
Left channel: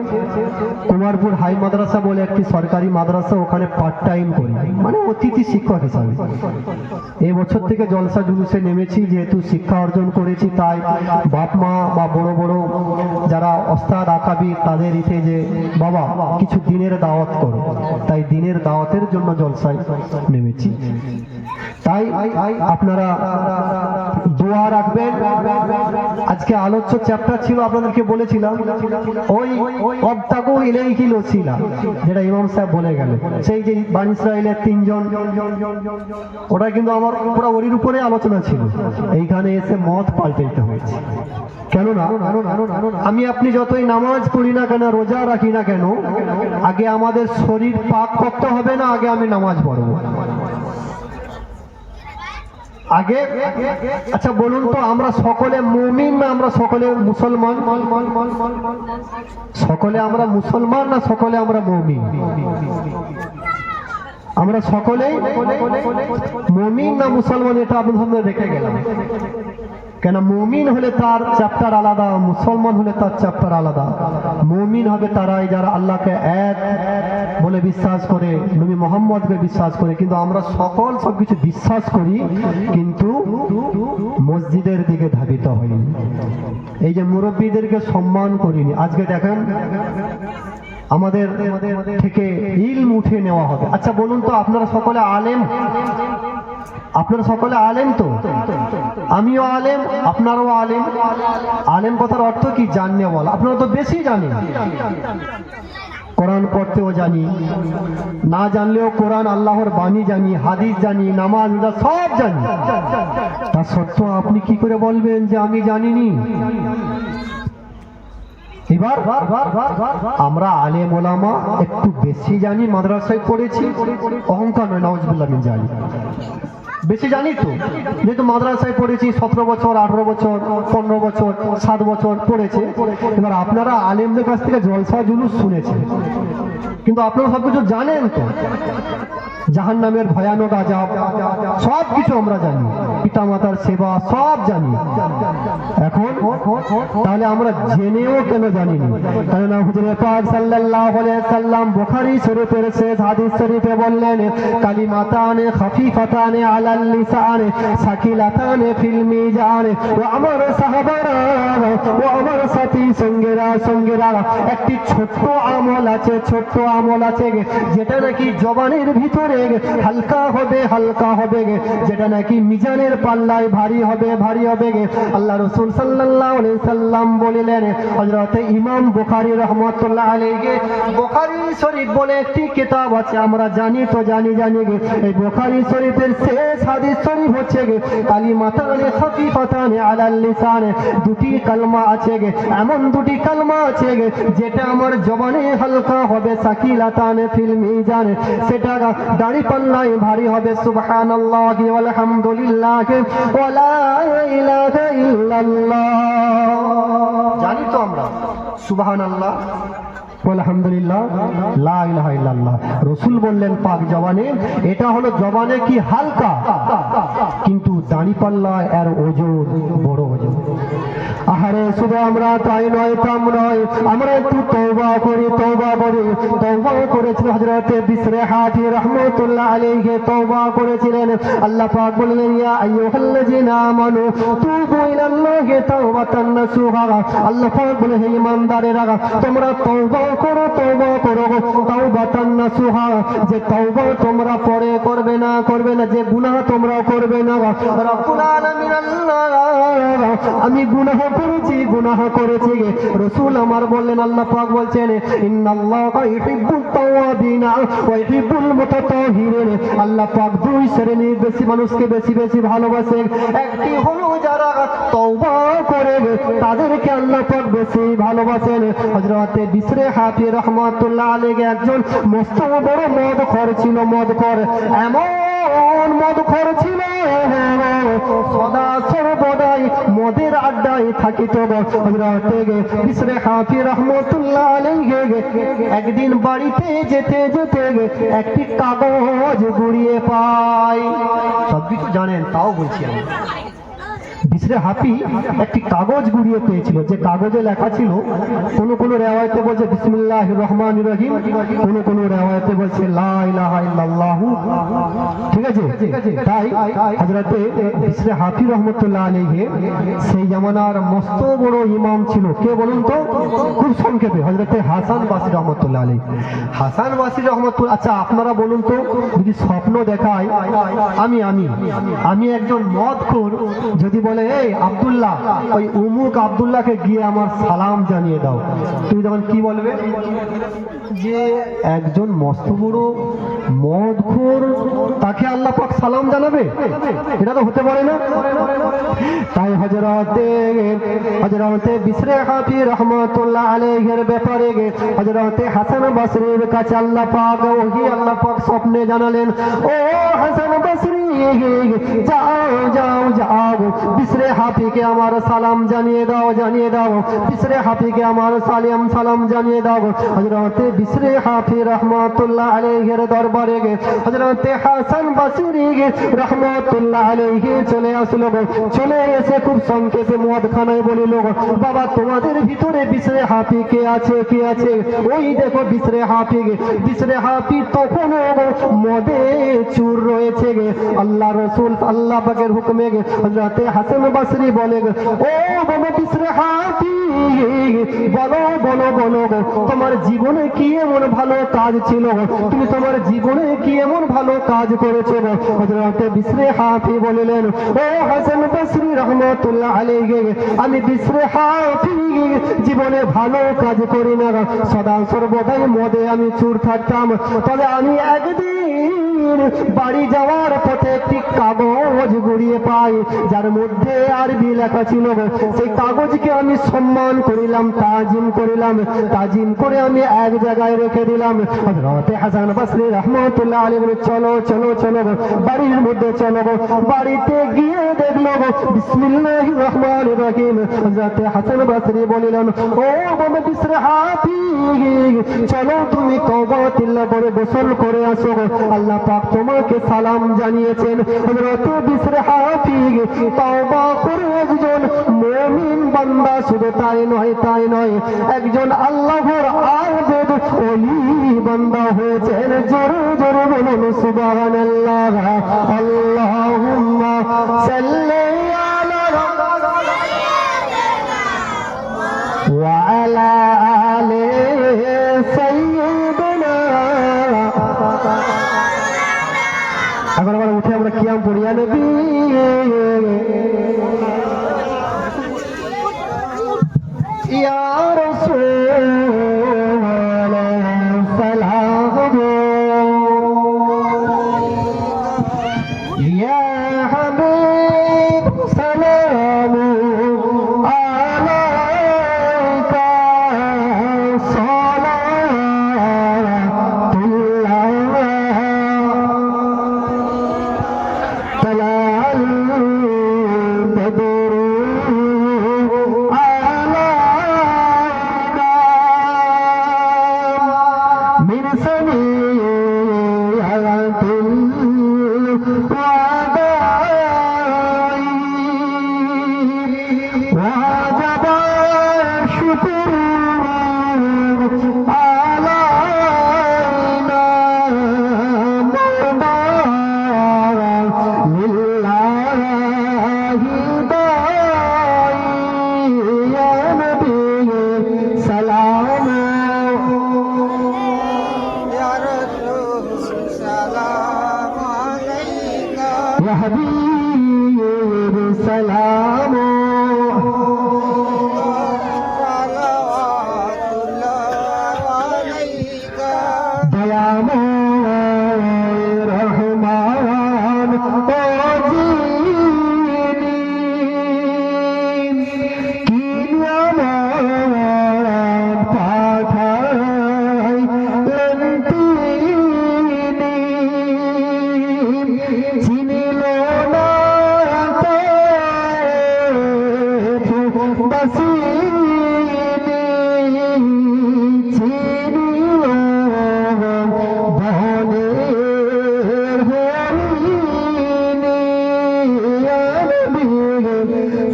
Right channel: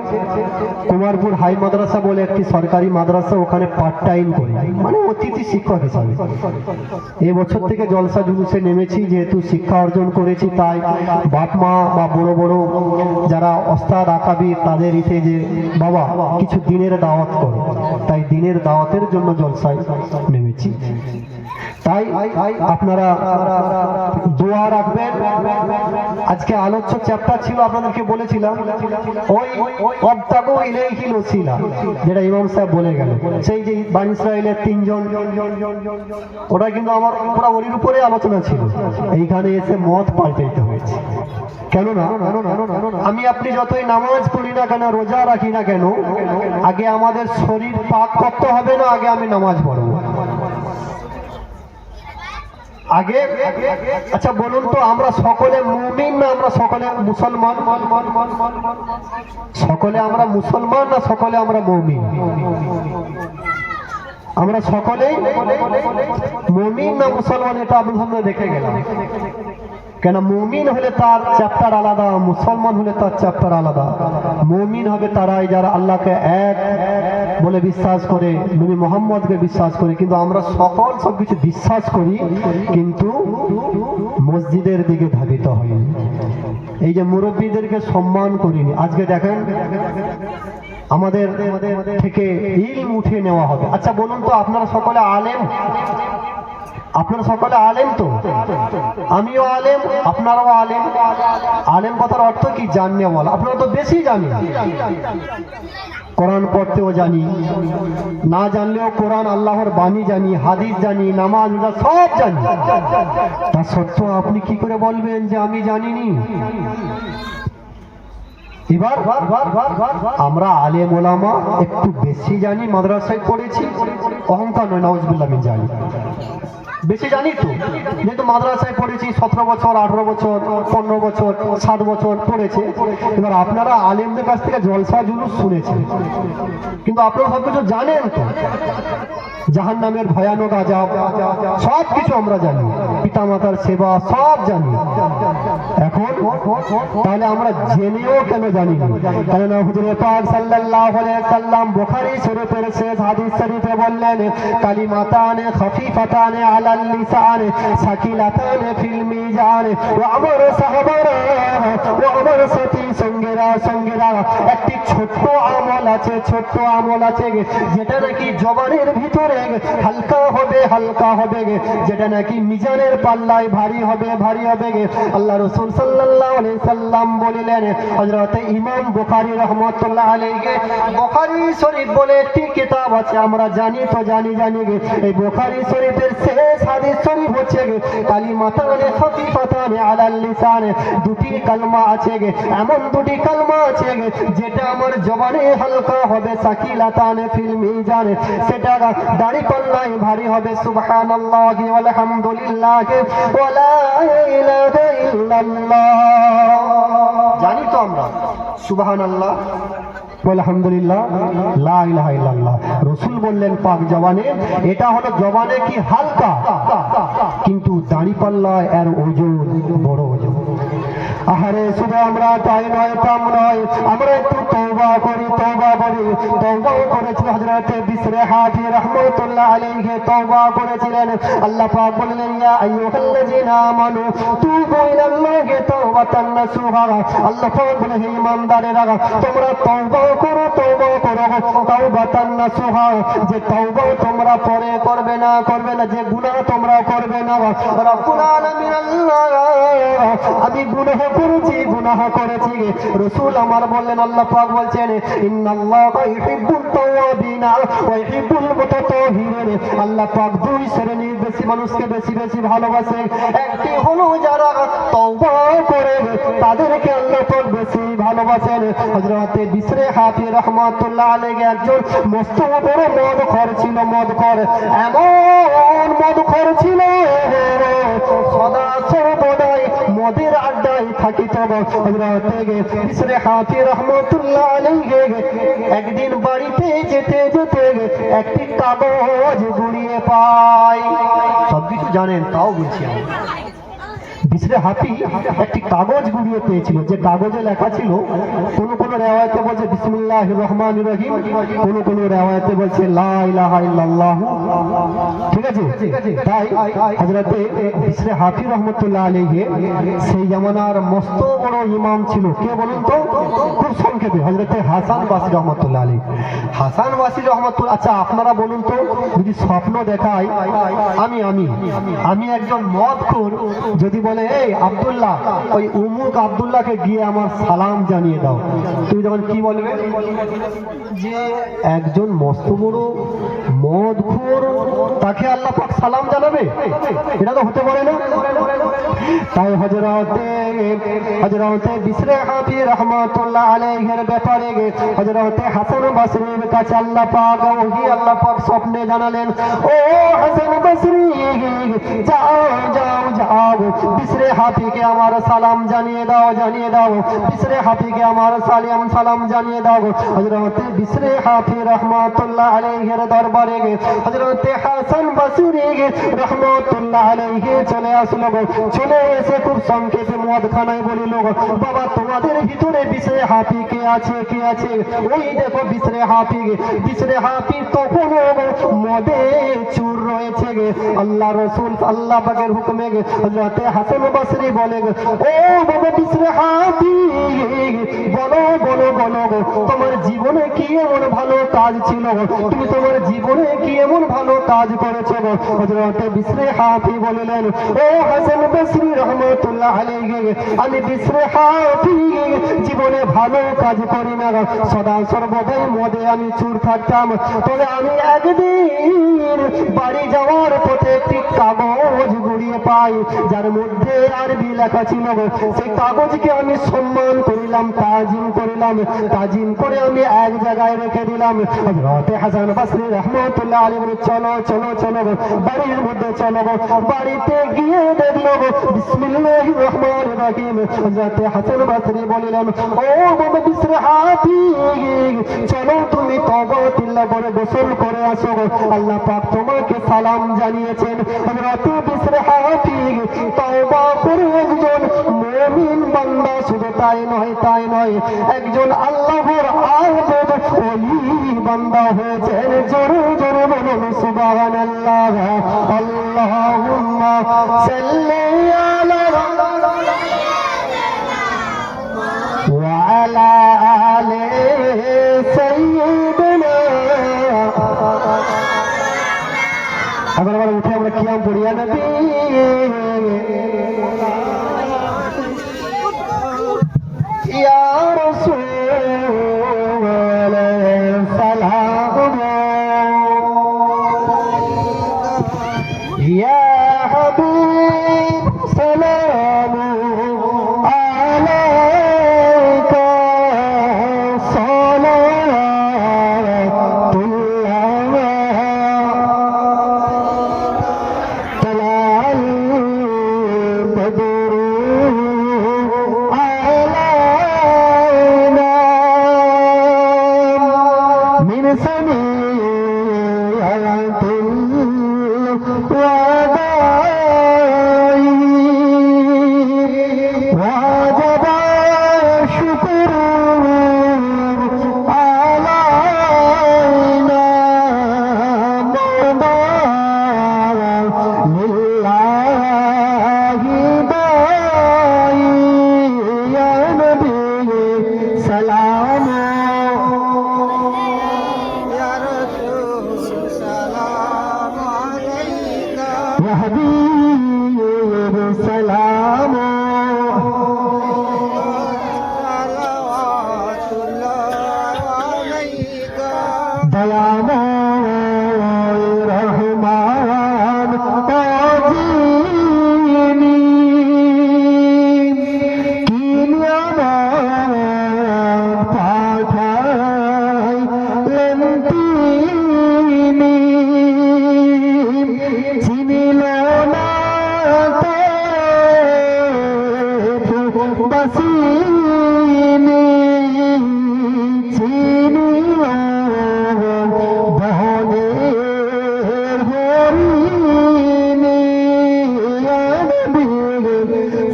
কুমারপুর হাই মাদ্রাসা বলে একটি সরকারি মাদ্রাসা, ওখানে পার্ট টাইম করি, মানে অতিথি শিক্ষক হিসাবে। এই বছর থেকে জলসা জুলুসে নেমেছি, যেহেতু শিক্ষা অর্জন করেছি, তাই বাপ মা বা বড় বড় যারা ওস্তাদ আকাবির তাদের ইতে যে বাবা কিছু দিনের দাওয়াত করো, তাই দিনের দাওয়াতের জন্য জলসায় নেমেছি। তাই আপনারা দোয়া রাখবেন। আজকে আলোচ্য চ্যাপ্টার ছিল, আপনাদেরকে বলেছিলাম ওই ওয়াবতাগু ইলাইহিল ওসিলা, যেটা ইমাম সাহেব বলে গেল, সেই যে বানি ইসরাইলের 3 জন, ওটা কিন্তু আমার পুরো ওরির উপরে আলোচনা ছিল। এইখানে এসে মত পাল্টাইতে হয়েছে। কেননা আমি আপনি যতই নামাজ পড়ি না কেন, রোজা রাখি না কেন, আগে আমাদের শরীর পাক করতে হবে না, আগে আমি নামাজ পড়বো আগে। আচ্ছা বলুন তো, আমরা সকলে মুমিন না আমরা সকলে মুসলমান? সকলে আমরা মুসলমান না সকলে আমরা মুমিন? আমরা সকলেই মুমিন না মুসলমান, এটা আপনাদের সামনে রেখে গেলাম। কেন মুমিন হলে তার চ্যাপ্টার আলাদা, মুসলমান হলে তার চ্যাপ্টার আলাদা। মুমিন হবে তারাই যারা আল্লাহকে এক বলে বিশ্বাস করে, নবী মুহাম্মদকে বিশ্বাস করে। কিন্তু আমরা সকল সবকিছু বিশ্বাস করি, কিন্তু মসজিদের দিকে ধাবিত হইনি। এই যে মুরব্বীদেরকে সম্মান করিনি। আজকে দেখেন আমাদের থেকে ইলম উঠিয়ে নেওয়া হবে। আচ্ছা বলুন তো, আপনারা সকলে আলেম? আপনারা সকলে আলেম তো? আমিও আলেম, আপনারাও আলেম। আলেম কথার অর্থ কি? জাননে বল। আপনারা তো বেশি জানেন, কোরআন পড়তেও জানি, না জানলেও কোরআন আল্লাহর বাণী জানি, হাদিস জানি, নামাজ রোজা সব জানি। তা সত্ত্বেও আপনি কি করে বলবেন যে আমি জানিনি? এবার আমরা আলেম ওলামা একটু বেশি জানি, মাদ্রাসায় পড়েছি, অহংকার নয়, নাউজুবিল্লাহ মিন জালিক। বেশি জানি তো, যেহেতু মাদ্রাসায় পড়েছি, 17 বছর 18 বছর 15 বছর 7 বছর পড়েছে। এবার আপনারা আলেমদের কাছ থেকে জলসা জুলুস শুনেছেন, কিন্তু আপনারা সবকিছু জানেন তো? জাহান্নামের ভয়ানক আযাব সব কিছু আমরা জানি, পিতামাতার সেবা সব জানি। এখন তাহলে আমরা জেনেও কেন জানি না? কেননা হুজুর পাক সাল্লাল্লাহু আলাইহি সাল্লাম বুখারী শরীফের শেষ হাদিস শরীফে বললেন, কালিমাতানে খাফিফাতানে আলাল লিসানে সাকিলাতানে ফিল মিজান। ও আমার সাহাবারা, ও আমার সাথী সঙ্গীরা, একটি ছোট্ট আমল আছে, ছোট্ট আমল আছে যেটা নাকি জবানের ভিতরে হালকা হবে, যেটা নাকি মিজানের পাল্লায় ভারী হবে। আল্লাহ রাসূল সাল্লাল্লাহু আলাইহি সাল্লাম বললেন, হযরত ইমাম বুখারী রাহমাতুল্লাহ আলাইহি, বুখারী শরীফ বলে একটি কিতাব আছে, আমরা জানি তো জানি। এই বুখারী শরীফের শেষ হাদিস শরীফ হচ্ছে কালিমাতানে খাফিফাতানে আলাল লিসানে, দুটি কালমা আছে, এমন দুটি কালমা আছে যেটা আমার জবানে হালকা হবে, সাকিলাতানে ফিল মিজান, সেটা দাড়ি পাল্লায় ভারী হবে। সুবহানাল্লাহি ওয়াল হামদুলিল্লাহি ওয়া লা ইলাহা ইল্লাল্লাহ। জানি তো আমরা সুবহানাল্লাহ আলহামদুলিল্লাহ, লা ইলাহা ইল্লাল্লাহ। রাসূল বললেন পাক জবানে, এটা হলো জবানে কি হালকা, কিন্তু দাঁড়িপাল্লা এর ওজন বড় ওজন। আহারে শুধু আমরা তাই নয়, তাম নয়, আমরা একটু তওবা করি, তওবা করি। তওবা করেছিল হযরত বিশরে হাফি রাহমাতুল্লাহ আলাইহি, তওবা করেছিলেন। আল্লাহ পাক বললেন, ইয়া আইয়ুহাল্লাযিনা আমানু তুবু ইলাল্লাহি তাওবাতান নাসুহা। আল্লাহ পাক বলে, হে ঈমানদারেরা, তোমরা তওবা করো, তওবা করো, তাওবাতান নাসুহা। যে তওবা তোমরা পরে করবে না, যে গুনাহ তোমরা করবে না। রব্বুল আলামিন আল্লাহ, আমি গুনাহ করেছি। রাসূল আমার বললেন, আল্লাহ পাক বলছেন, ইন্নাল্লাহা ইউহিব্বুত তাওয়াবিনা ওয়া ইউহিব্বুল মুতাতাহহিরিন। আল্লাহ পাক দুই শ্রেণীর বেশি মানুষকে বেশি ভালোবাসে। একটি হলো যারা তওবা করে, তাদেরকে আল্লাহ পাক বেশি ভালোবাসেন। হযরত বিশরে হাফি রাহমাতুল্লাহ আলাইহি একজন মস্ত বড় মদখোর ছিল, মদখোর, এমন মদখোর ছিল, সদা সর্বদাই মদের আড্ডায় থাকিত। হযরত বিশরে হাফি রাহমাতুল্লাহ আলাইহি একদিন বাড়িতে যেতে একটি কাগজ কুড়িয়ে পায়। সব কিছু জানেন, তাও বলছি আমি। বিশরে হাফি একটি কাগজ কুড়িয়ে পেয়েছিল, যে কাগজে লেখা ছিল, কোন রেওয়ায়েতে বলছে বিসমিল্লাহির রহমানির রহিম, কোন রেওয়ায়েতে বলছে লা ইলাহা ইল্লাল্লাহ। ঠিক আছে, তাই হযরত বিশরে হাফি রাহমাতুল্লাহ আলাইহি সেই জামানার মস্ত বড় ইমাম ছিল। কে বলুন তো? খুব সংক্ষেপে, হযরত হাসান বাসরি রাহমাতুল্লাহ আলাইহি। হাসান বাসরি রাহমাতুল্লাহ, আচ্ছা আপনারা বলুন তো, যদি স্বপ্ন দেখায় আমি একজন মদখোর, যদি বলে, এই আব্দুল্লাহ, ওই উমুক আব্দুল্লাহকে গিয়ে আমার সালাম জানিয়ে দাও, তুমি তখন কি বলবে? যে একজন মস্ত বড় মদখোর, তাকে আল্লাহ পাক সালাম জানাবে? এটা তো হতে পারে না। তাই হযরতে বিশরে হাফি রাহমাতুল্লাহ আলাইহির ব্যাপারে হযরতে হাসান বাসরির কাছে আল্লাহ পাক স্বপ্নে জানালেন, ও হাসান বাসরি, যাও বিশরে হাফিকে আমার সালাম জানিয়ে দাও, বিশরে হাফিকে আমার সালাম জানিয়ে দাও। হযরতে বিশরে হাফি রাহমাতুল্লাহ আলাইহির দরবারে হযরতে হাসান বাসরি রাহমাতুল্লাহ আলাইহি চলে আসলো। চলে এসে খুব সংক্ষেপে মদখানায় বলিল, বাবা, তোমাদের ভিতরে বিশরে হাফি কে আছে? ওই দেখো বিশরে হাফি তখন মদে চুর রয়েছে। আল্লাহ রাসূল আল্লাহ পাকের হুকুমে হযরতে হাসান বাসরি বলে, ও বাবা বিশরে হাফি, বলো তোমার জীবনে কি এমন ভালো কাজ ছিল? তুমি তোমার জীবনে কি এমন ভালো কাজ করেছো? হযরতে বিশরে হাফি বললেন, ও হাসান বাসরি রাহমাতুল্লাহ আলাইহি, আমি বিশরে হাফি জীবনে ভালো কাজ করি না, সদা সর্বদাই মদে আমি চুর থাকতাম। তবে আমি একদিন বাড়ি যাওয়ার পথে একটি কাগজ গড়িয়ে পাই, যার মধ্যে আরবি লেখা ছিল। সেই কাগজকে আমি সম্মান করিলাম, তাজিম করে আমি এক জায়গায় রেখে দিলাম। হযরত হাসান বাসরি রাহমাতুল্লাহ আলাইহি বলে, চলো বাড়ির মধ্যে চলো। বাড়িতে গিয়ে দেখলো বিসমিল্লাহির রহমানির রহিম। হযরত হাসান বাসরি বলিলেন, ও বাবা বিশরে হাফি, চলো তুমি তওবা তিল্লাহ করে গোসল করে আসো, আল্লাহ পাক তোমাকে সালাম জানিয়েছেন। হযরত বিশরে হাফি তওবা করে একজন মুমিন বান্দা, শুধু তাই নয়, একজন আল্লাহর আবেদ ওলি বান্দা হয়েছেন। জোরে বলুন সুবহানাল্লাহ। আল্লাহুম্মা সাল্লি আলা ওয়া আলা আলি সাইয়্যিদিনা। এবার উঠে আমরা কিয়াম পড়ি, ইয়া নবী বসিনি চিনিল বনের হরিণী নবী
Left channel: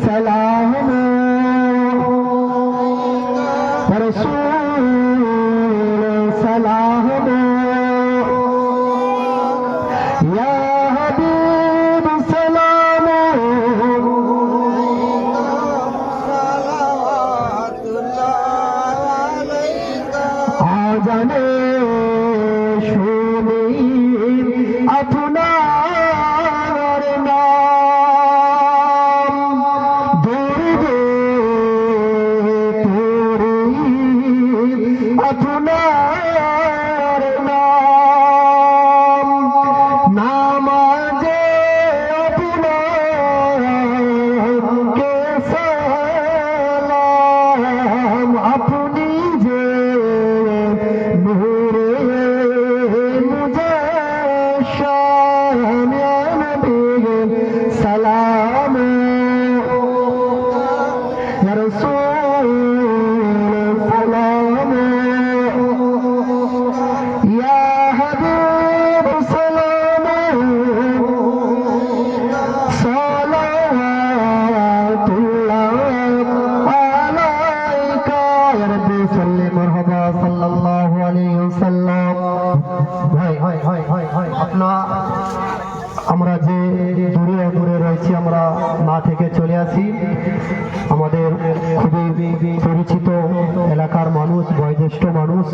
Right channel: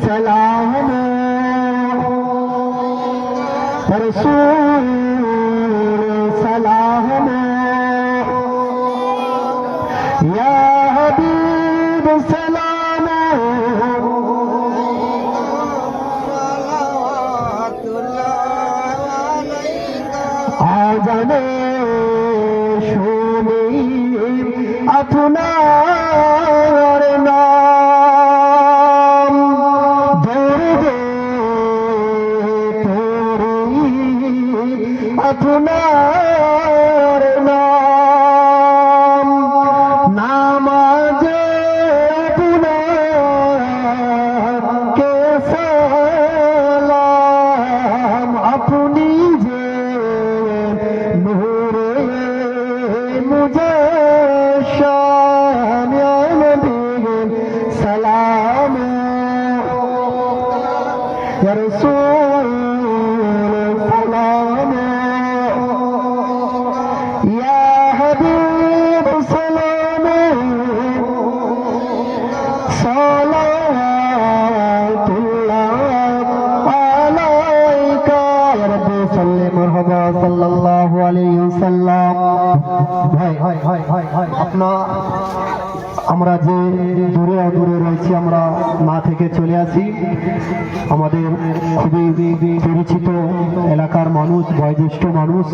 সালাম রসূল সালাম ইয়া হাবিব সালাম আজানে শুনি আপনার নাম দরদে পড়ি আপনার নাম নামাজে আপনাকে সালাম আপনি যে নূরে মুজাশশাম ইয়া নবী সালাম ইয়া রাসূল সালাম ইয়া হাবিব সালাম সালাতুল্লাহ আলাইকা ইয়া রাব্বি সাল্লি মারহাবা সাল্লাল্লাহু আলাইহি ওয়াসাল্লাম। ভাই আমরা যে দূরে দূরে রয়েছি, আমরা না থেকে চলে আসি। আমাদের খুবই পরিচিত এলাকার মানুষ, বয়োজ্যেষ্ঠ মানুষ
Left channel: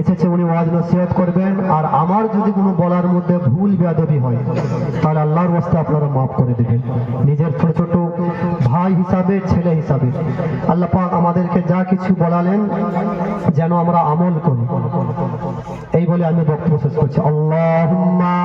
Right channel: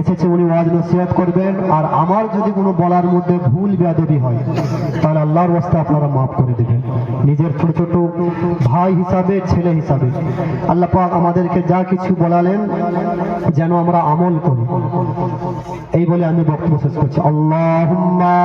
এসেছে, উনি ওয়াজ নসিহত করবেন। আর আমার যদি কোনো বলার মধ্যে ভুল বেয়াদবি হয় তাহলে আল্লাহর রাস্তায় আপনারা মাফ করে দেবেন। নিজের ছোট ছোট ভাই হিসাবে, ছেলে হিসাবে আল্লাহ পাক আমাদেরকে যা কিছু বলালেন যেন আমরা আমল করি, এই বলে আমি বক্তব্য শেষ করছি। আল্লাহুম্মা